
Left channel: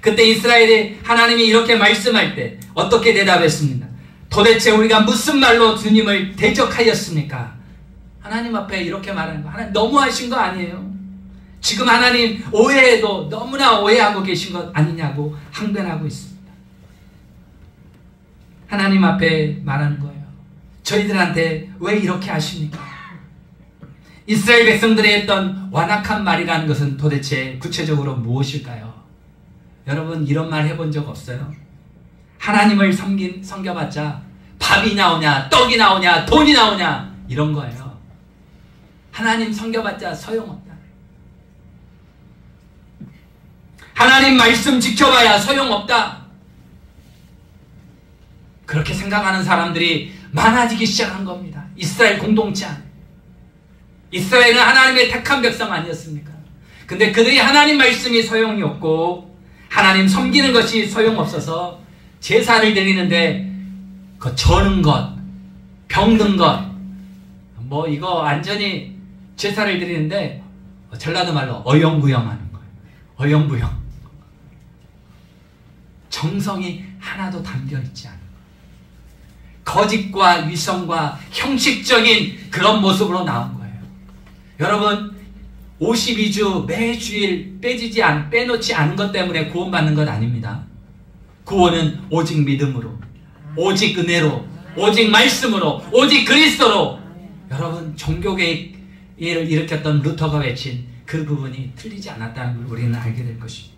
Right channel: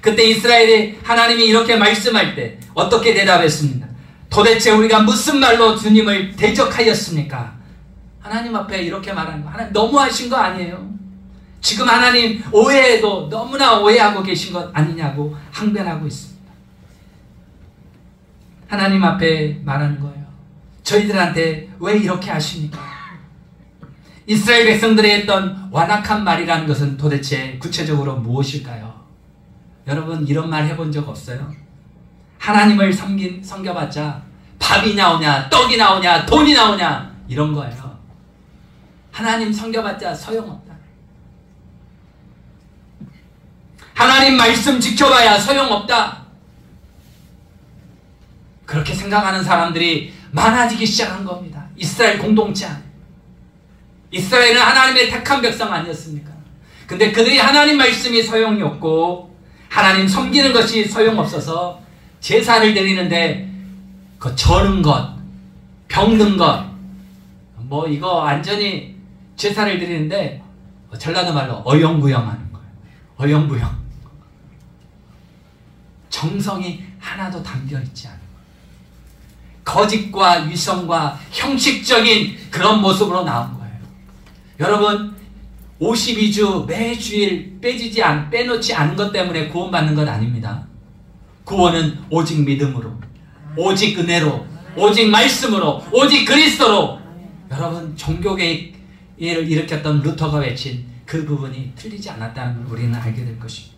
그때 이스라엘이 하나님이 이렇게 말씀할 때 어떻게 대답했습니까? 도대체 우리가 무슨 말로 주님을 대적하였습니까? 하나님 앞에 이렇게 말하는 거 하나님 너무하신 거 아니에요? 지금 하나님 오해에도 너무나 오해하고 계신 것 아니냐고 항변하고 있습니다. 하나님 앞에 말하는 거예요. 저희들한테 왜 이렇게 하십니까? 이스라엘 백성들이 했던 완악한 말이라는 것은 도대체 구체적으로 무엇일까요? 여러분, 이런 말 해본 적 없어요? 하나님을 섬겨봤자 밥이 나오냐, 떡이 나오냐, 돈이 나오냐 이런 거예요. 하나님 섬겨봤자 소용없다. 하나님 말씀 지켜봐야 소용없다. 그렇게 생각하는 사람들이 많아지기 시작한 겁니다. 이스라엘 공동체 안에. 이스라엘은 하나님의 택한 백성 아니었습니까? 근데 그들이 하나님 말씀이 소용이 없고 하나님 섬기는 것이 소용없어서 제사를 드리는데 그 저는 것, 병든 것, 뭐 이거 완전히 제사를 드리는데 전라도 말로 어영부영하는 거예요. 어영부영. 정성이 하나도 담겨있지 않아요. 거짓과 위선과 형식적인 그런 모습으로 나온 거예요. 여러분, 52주 매주일 빼놓지 않은 것 때문에 구원받는 건 아닙니다. 구원은 오직 믿음으로, 오직 은혜로, 오직 말씀으로, 오직 그리스도로. 여러분, 종교개혁을 일으켰던 루터가 외친 그 부분이 틀리지 않았다는 걸 우리는 알게 될 것입니다.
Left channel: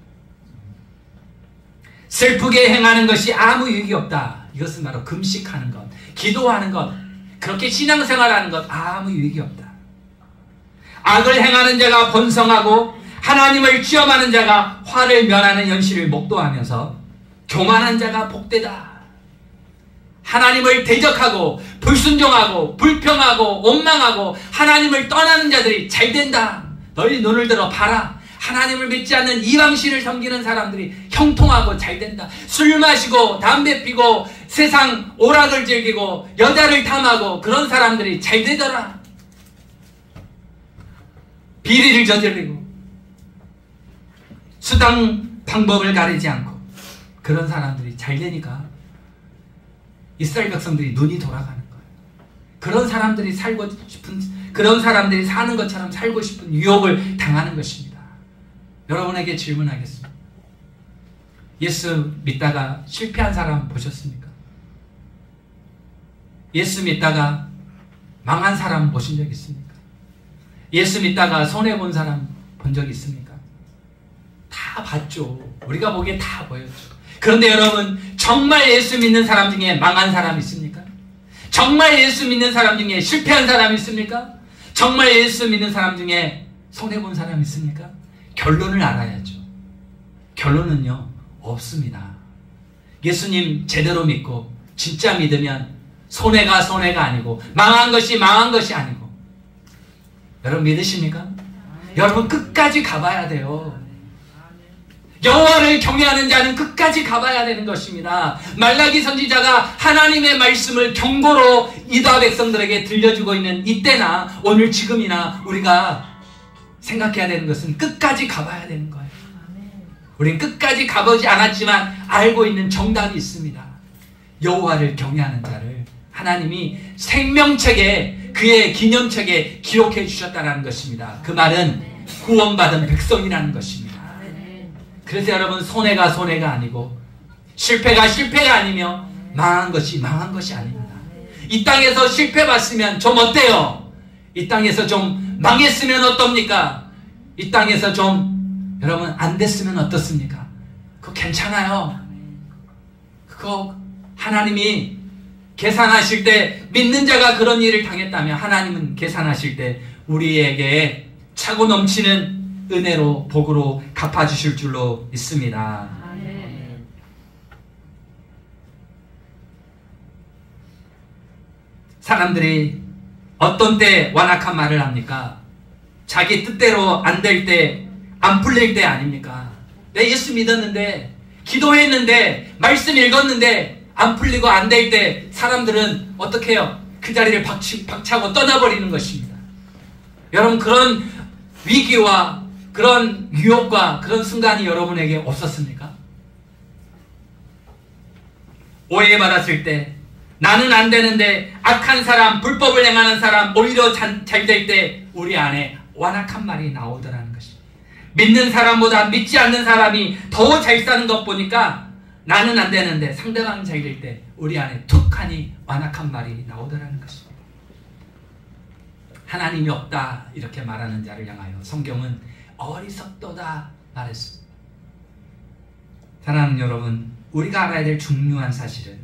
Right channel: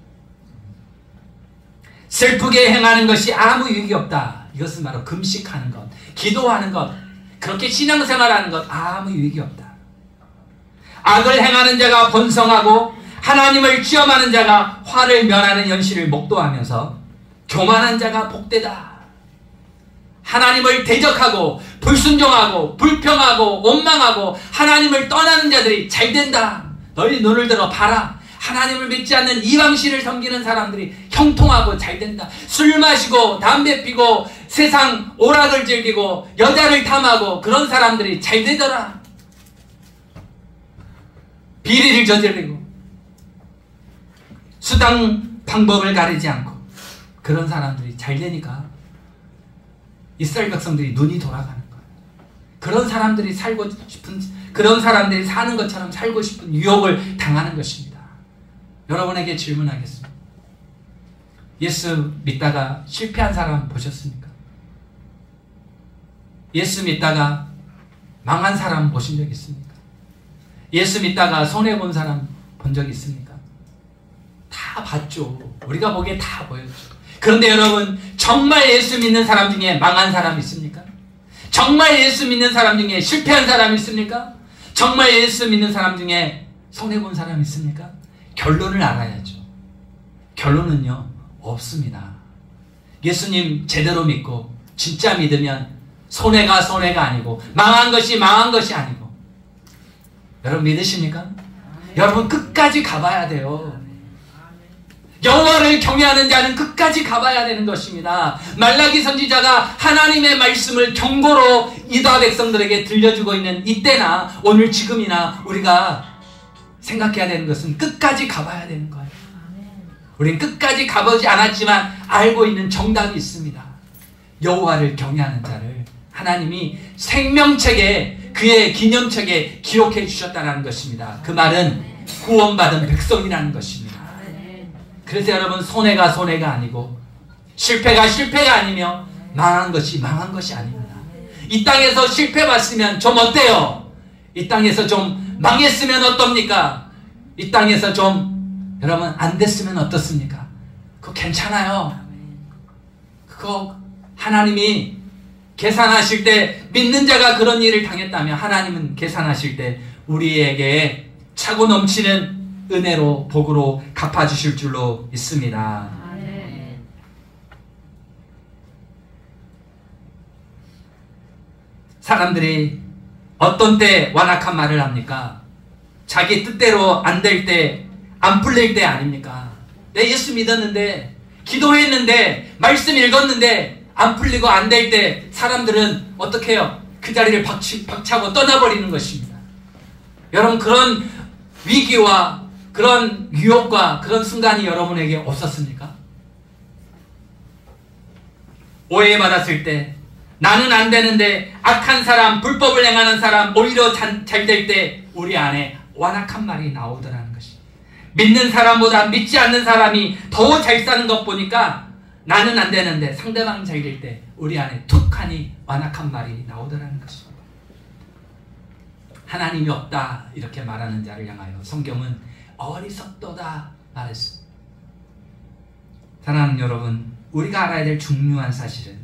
슬프게 행하는 것이 아무 유익이 없다. 이것은 바로 금식하는 것, 기도하는 것, 그렇게 신앙생활하는 것 아무 유익이 없다. 악을 행하는 자가 번성하고 하나님을 시험하는 자가 화를 면하는 현실을 목도하면서 교만한 자가 복되다. 하나님을 대적하고 불순종하고 불평하고 원망하고 하나님을 떠나는 자들이 잘된다. 너희 눈을 들어 봐라. 하나님을 믿지 않는 이방신을 섬기는 사람들이 형통하고 잘된다. 술 마시고 담배 피고 세상 오락을 즐기고 여자를 탐하고 그런 사람들이 잘되더라. 비리를 저지르고 수당 방법을 가리지 않고 그런 사람들이 잘되니까 이스라엘 백성들이 눈이 돌아가는 거예요. 그런 사람들이 살고 싶은, 그런 사람들이 사는 것처럼 살고 싶은 유혹을 당하는 것입니다. 여러분에게 질문하겠습니다. 예수 믿다가 실패한 사람 보셨습니까? 예수 믿다가 망한 사람 보신 적 있습니까? 예수 믿다가 손해본 사람 본 적 있습니까? 다 봤죠. 우리가 보기에 다 보였죠. 그런데 여러분, 정말 예수 믿는 사람 중에 망한 사람 있습니까? 정말 예수 믿는 사람 중에 실패한 사람 있습니까? 정말 예수 믿는 사람 중에 손해본 사람 있습니까? 결론을 알아야죠. 결론은요, 없습니다. 예수님 제대로 믿고 진짜 믿으면 손해가 아니고 망한 것이 아니고. 여러분 믿으십니까? 여러분 끝까지 가봐야 돼요. 여호와를 경외하는 자는 끝까지 가봐야 되는 것입니다. 말라기 선지자가 하나님의 말씀을 경고로 이스라엘 백성들에게 들려주고 있는 이때나 오늘 지금이나 우리가 생각해야 되는 것은 끝까지 가봐야 되는 거예요. 우리는 끝까지 가보지 않았지만 알고 있는 정답이 있습니다. 여호와를 경외하는 자를 하나님이 생명책에, 그의 기념책에 기록해 주셨다는 것입니다. 그 말은 구원받은 백성이라는 것입니다. 그래서 여러분, 손해가 아니고 실패가 아니며 망한 것이 아닙니다. 이 땅에서 실패 봤으면 좀 어때요? 이 땅에서 좀 망했으면 어떻습니까? 이 땅에서 좀 여러분 안 됐으면 어떻습니까? 그거 괜찮아요. 그거 하나님이 계산하실 때, 믿는 자가 그런 일을 당했다면 하나님은 계산하실 때 우리에게 차고 넘치는 은혜로, 복으로 갚아주실 줄로 믿습니다. 아멘. 사람들이 어떤 때 완악한 말을 합니까? 자기 뜻대로 안 될 때, 안 풀릴 때 아닙니까? 내 예수 믿었는데, 기도했는데, 말씀 읽었는데 안 풀리고 안 될 때 사람들은 어떻게 해요? 그 자리를 박차고 떠나버리는 것입니다. 여러분, 그런 위기와 그런 유혹과 그런 순간이 여러분에게 없었습니까? 오해받았을 때, 나는 안 되는데 악한 사람, 불법을 행하는 사람 오히려 잘 될 때 우리 안에 완악한 말이 나오더라는 것입니다. 믿는 사람보다 믿지 않는 사람이 더 잘 사는 것 보니까 나는 안 되는데 상대방은 잘 될 때 우리 안에 툭하니 완악한 말이 나오더라는 것입니다. 하나님이 없다 이렇게 말하는 자를 향하여 성경은 어리석도다 말했습니다. 사랑하는 여러분, 우리가 알아야 될 중요한 사실은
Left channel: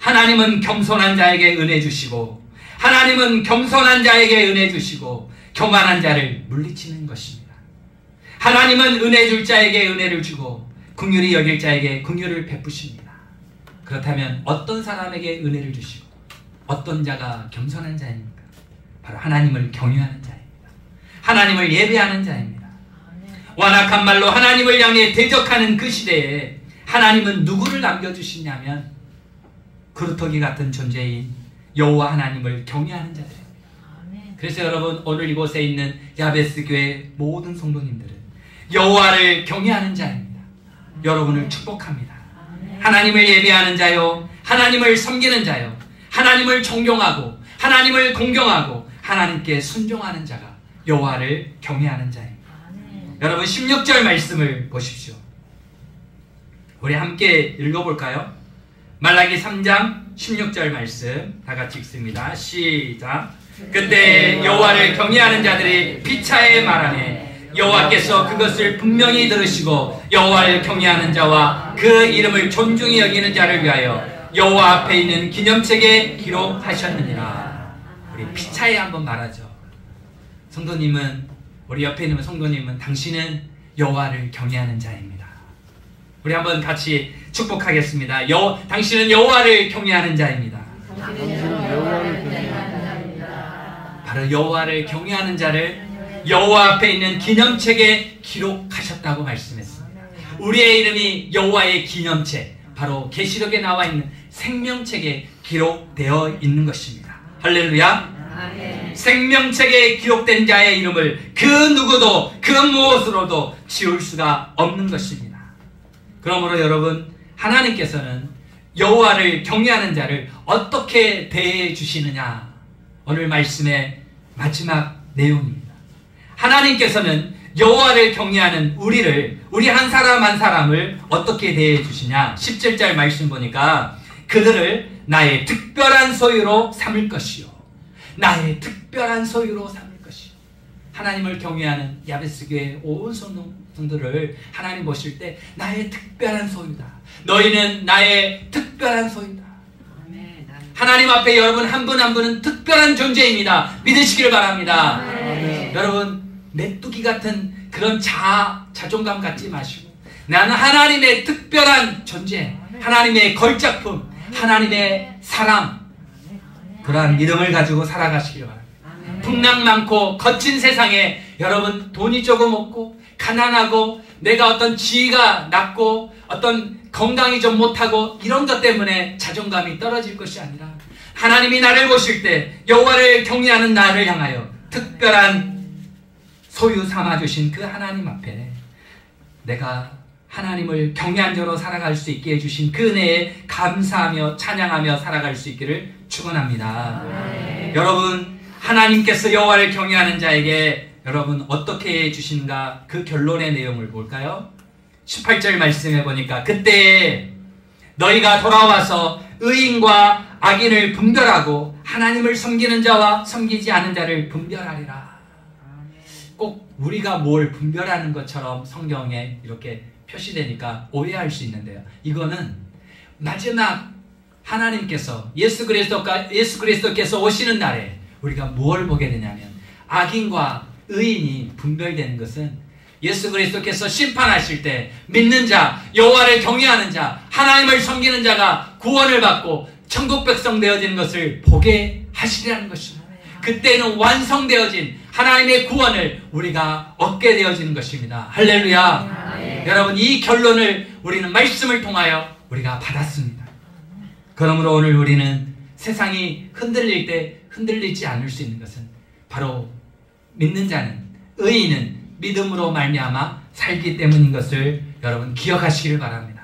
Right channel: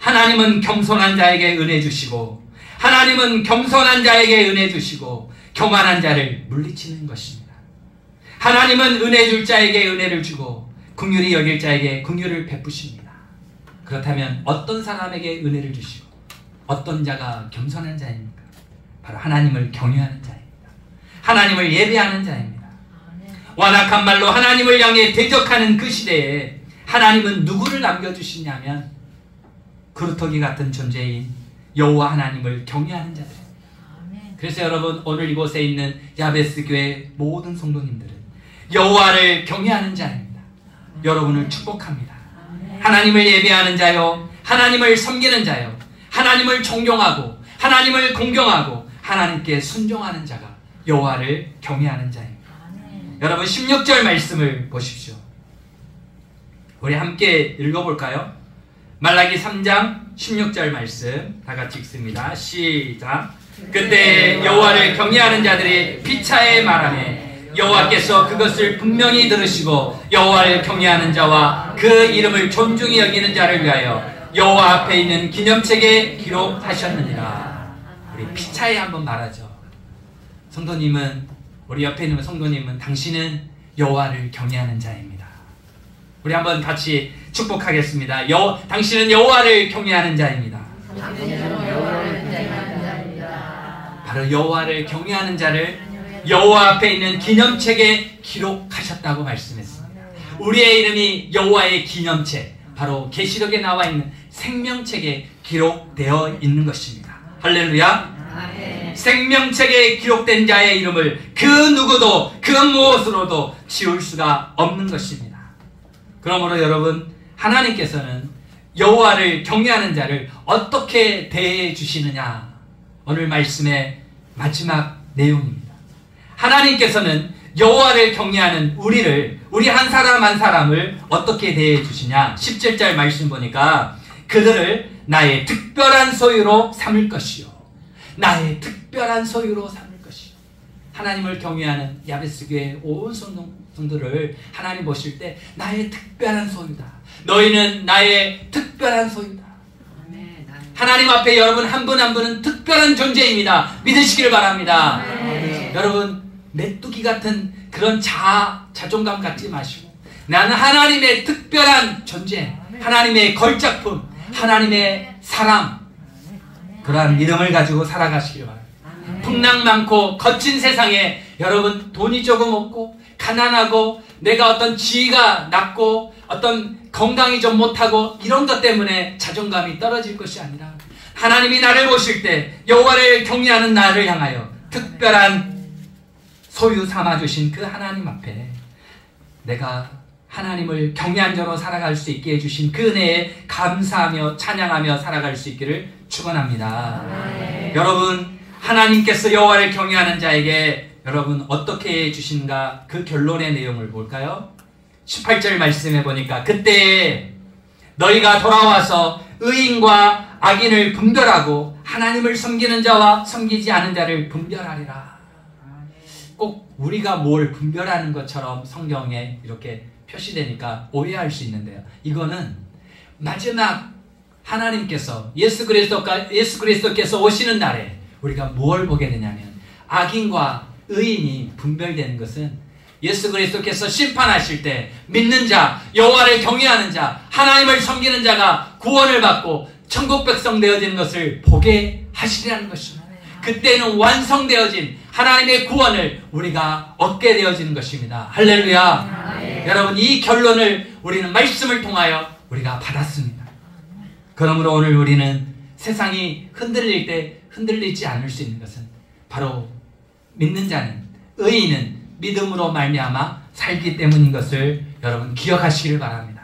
하나님은 겸손한 자에게 은혜 주시고, 하나님은 겸손한 자에게 은혜 주시고 교만한 자를 물리치는 것입니다. 하나님은 은혜 줄 자에게 은혜를 주고 긍휼히 여길 자에게 긍휼을 베푸십니다. 그렇다면 어떤 사람에게 은혜를 주시고 어떤 자가 겸손한 자입니까? 바로 하나님을 경외하는 자입니다. 하나님을 예배하는 자입니다. 완악한 말로 하나님을 향해 대적하는 그 시대에 하나님은 누구를 남겨주시냐면 그루터기 같은 존재인 여호와 하나님을 경외하는 자들. 그래서 여러분, 오늘 이곳에 있는 야베스 교회 모든 성도님들은 여호와를 경외하는 자입니다. 여러분을 축복합니다. 하나님을 예배하는 자요, 하나님을 섬기는 자요, 하나님을 존경하고 하나님을 공경하고 하나님께 순종하는 자가 여호와를 경외하는 자입니다. 여러분, 16절 말씀을 보십시오. 우리 함께 읽어볼까요? 말라기 3장 16절 말씀 다 같이 읽습니다. 시작. 그때 여호와를 경외하는 자들이 피차에 말하네 여호와께서 그것을 분명히 들으시고 여호와를 경외하는 자와 그 이름을 존중히 여기는 자를 위하여 여호와 앞에 있는 기념책에 기록하셨느니라. 우리 피차에 한번 말하죠. 성도님은, 우리 옆에 있는 성도님은 당신은 여호와를 경외하는 자입니다. 우리 한번 같이 축복하겠습니다. 당신은 여호와를 경외하는 자입니다. 바로 여호와를 경외하는 자를 여호와 앞에 있는 기념책에 기록하셨다고 말씀했습니다. 우리의 이름이 여호와의 기념책, 바로 계시록에 나와 있는 생명책에 기록되어 있는 것입니다. 할렐루야. 아멘. 생명책에 기록된 자의 이름을 그 누구도 그 무엇으로도 지울 수가 없는 것입니다. 그러므로 여러분, 하나님께서는 여호와를 경외하는 자를 어떻게 대해 주시느냐, 오늘 말씀의 마지막 내용입니다. 하나님께서는 여호와를 경외하는 우리 한 사람 한 사람을 어떻게 대해 주시냐. 17절 말씀 보니까 그들을 나의 특별한 소유로 삼을 것이요, 나의 특별한 소유로 삼을 것이요. 하나님을 경외하는 야베스 교회 온 성도들을 하나님 보실 때 나의 특별한 소유다, 너희는 나의 특별한 소유다. 하나님 앞에 여러분 한 분 한 분은 특별한 존재입니다. 믿으시길 바랍니다. 여러분, 메뚜기 같은 그런 자존감 갖지 마시고, 나는 하나님의 특별한 존재, 하나님의 걸작품, 하나님의 사람, 그러한 믿음을 가지고 살아가시길 바랍니다. 풍랑 많고 거친 세상에 여러분, 돈이 조금 없고 가난하고 내가 어떤 지위가 낮고 어떤 건강이 좀 못하고 이런 것 때문에 자존감이 떨어질 것이 아니라, 하나님이 나를 보실 때 여호와를 경외하는 나를 향하여 특별한 소유 삼아주신 그 하나님 앞에 내가 하나님을 경외한 자로 살아갈 수 있게 해주신 그 은혜에 감사하며 찬양하며 살아갈 수 있기를 축원합니다. 여러분, 하나님께서 여호와를 경외하는 자에게 여러분 어떻게 해주신가, 그 결론의 내용을 볼까요? 18절 말씀해 보니까 그때 너희가 돌아와서 의인과 악인을 분별하고 하나님을 섬기는 자와 섬기지 않은 자를 분별하리라. 꼭 우리가 뭘 분별하는 것처럼 성경에 이렇게 표시되니까 오해할 수 있는데요, 이거는 마지막 하나님께서 예수 그리스도께서 오시는 날에 우리가 뭘 보게 되냐면, 악인과 의인이 분별되는 것은 예수 그리스도께서 심판하실 때 믿는 자, 여호와를 경외하는 자, 하나님을 섬기는 자가 구원을 받고 천국 백성 되어지는 것을 보게 하시리라는 것입니다. 그때는 완성되어진 하나님의 구원을 우리가 얻게 되어지는 것입니다. 할렐루야. 여러분, 이 결론을 우리는 말씀을 통하여 우리가 받았습니다. 그러므로 오늘 우리는 세상이 흔들릴 때 흔들리지 않을 수 있는 것은 바로 믿는 자는, 의인은 믿음으로 말미암아 살기 때문인 것을 여러분 기억하시길 바랍니다.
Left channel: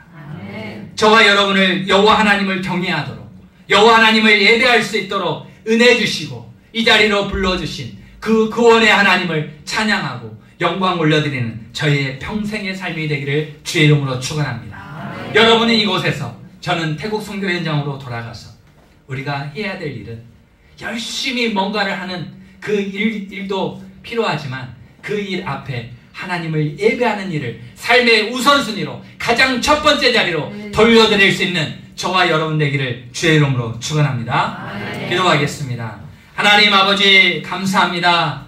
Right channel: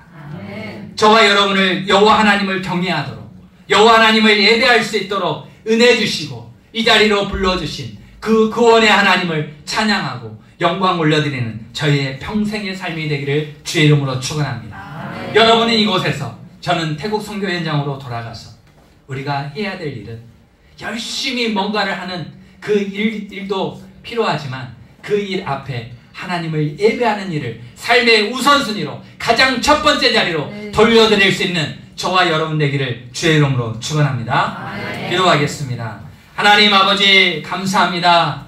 저와 여러분을 여호와 하나님을 경외하도록, 여호와 하나님을 예배할 수 있도록 은혜 주시고 이 자리로 불러주신 그 구원의 하나님을 찬양하고 영광 올려드리는 저희의 평생의 삶이 되기를 주의 이름으로 축원합니다. 여러분은 이곳에서, 저는 태국 선교 현장으로 돌아가서 우리가 해야 될 일은 열심히 뭔가를 하는 그 일도 필요하지만 그 일 앞에 하나님을 예배하는 일을 삶의 우선순위로 가장 첫 번째 자리로 돌려드릴 수 있는 저와 여러분 되기를 주의 이름으로 축원합니다. 기도하겠습니다. 하나님 아버지, 감사합니다.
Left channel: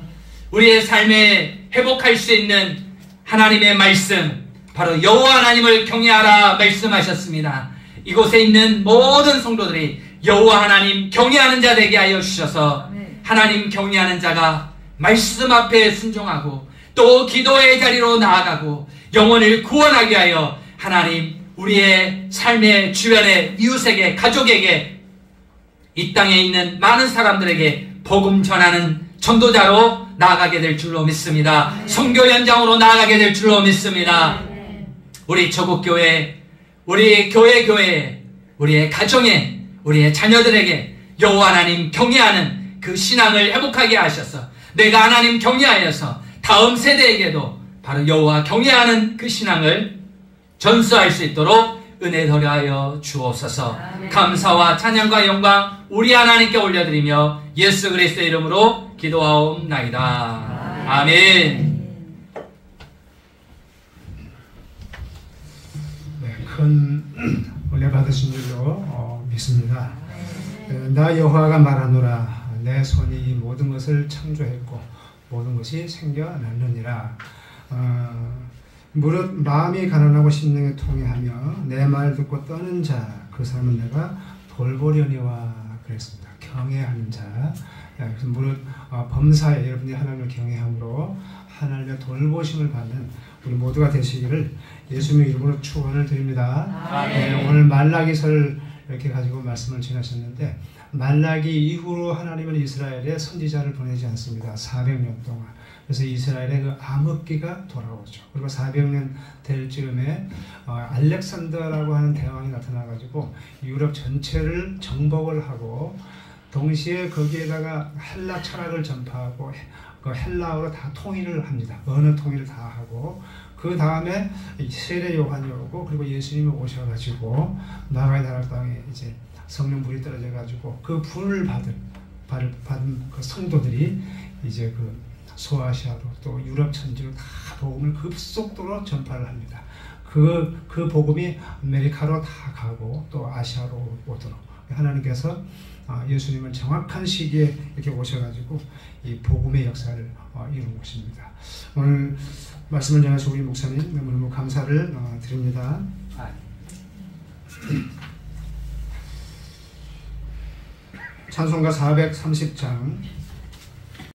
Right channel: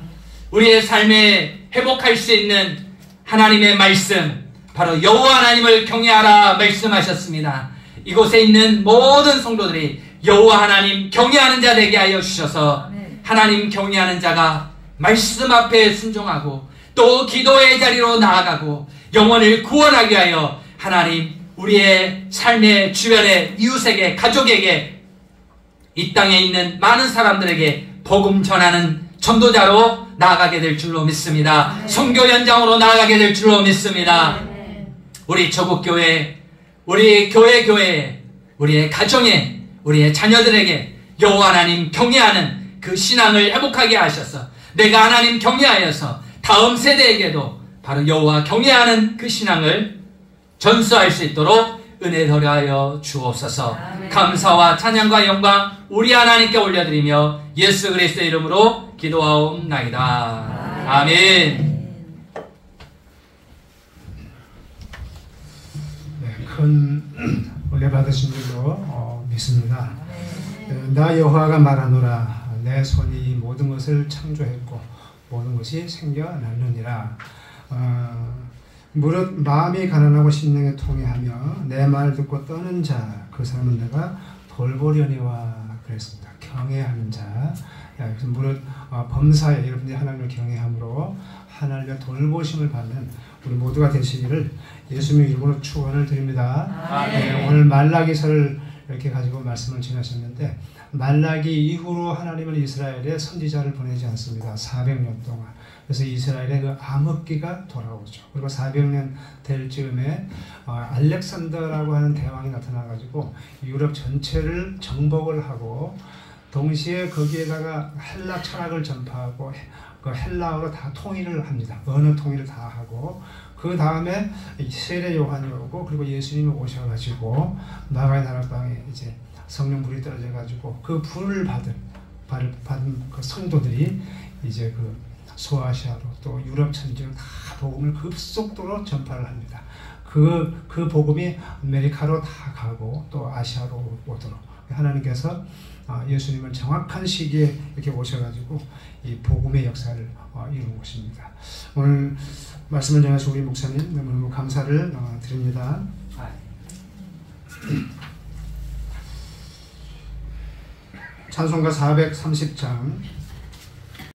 우리의 삶에 회복할 수 있는 하나님의 말씀, 바로 여호와 하나님을 경외하라 말씀하셨습니다. 이곳에 있는 모든 성도들이 여호와 하나님 경외하는 자 되게 하여 주셔서 하나님 경외하는 자가 말씀 앞에 순종하고 또 기도의 자리로 나아가고 영혼을 구원하게 하여 하나님 우리의 삶의 주변의 이웃에게, 가족에게, 이 땅에 있는 많은 사람들에게 복음 전하는 전도자로 나아가게 될 줄로 믿습니다. 선교 현장으로 나아가게 될 줄로 믿습니다. 우리 조국교회, 우리 교회, 우리의 가정에, 우리의 자녀들에게 여호와 하나님 경외하는 그 신앙을 회복하게 하셔서 내가 하나님 경외하여서 다음 세대에게도 바로 여호와 경외하는 그 신앙을 전수할 수 있도록 은혜 더하여 주옵소서. 감사와 찬양과 영광 우리 하나님께 올려드리며 예수 그리스도의 이름으로 기도하옵나이다. 아멘. 큰 은혜 받으신 줄로 믿습니다. 나 여호와가 말하노라. 내 손이 모든 것을 창조했고 모든 것이 생겨났느니라. 무릇 마음이 가난하고 심령이 통회하며 내 말 듣고 떠는 자 그 사람은 내가 돌보려니와 그랬습니다. 경외하는 자. 무릇 범사에 여러분이 하나님을 경외함으로 하나님의 돌보심을 받는 우리 모두가 되시기를 예수님의 이름으로 축원을 드립니다. 오늘 말라기서를 이렇게 가지고 말씀을 전하셨는데 말라기 이후로 하나님은 이스라엘에 선지자를 보내지 않습니다. 400년 동안. 그래서 이스라엘의 그 암흑기가 돌아오죠. 그리고 400년 될 즈음에 알렉산더라고 하는 대왕이 나타나가지고 유럽 전체를 정복을 하고 동시에 거기에다가 헬라 철학을 전파하고 그 헬라어로 다 통일을 합니다. 언어 통일을 다 하고 그 다음에 세례 요한이 오고 그리고 예수님이 오셔가지고 나라의 나라 땅에 이제 성령 불이 떨어져가지고 그 불을 받은 그 성도들이 이제 그 소아시아로 또 유럽 전체로 다 복음을 급속도로 전파를 합니다. 그 복음이 아메리카로 다 가고 또 아시아로 오도록 하나님께서 예수님은 정확한 시기에 이렇게 오셔가지고 이 복음의 역사를 이룬 것입니다. 오늘 말씀을 전하신 우리 목사님 너무 감사를 드립니다. 찬송가 430장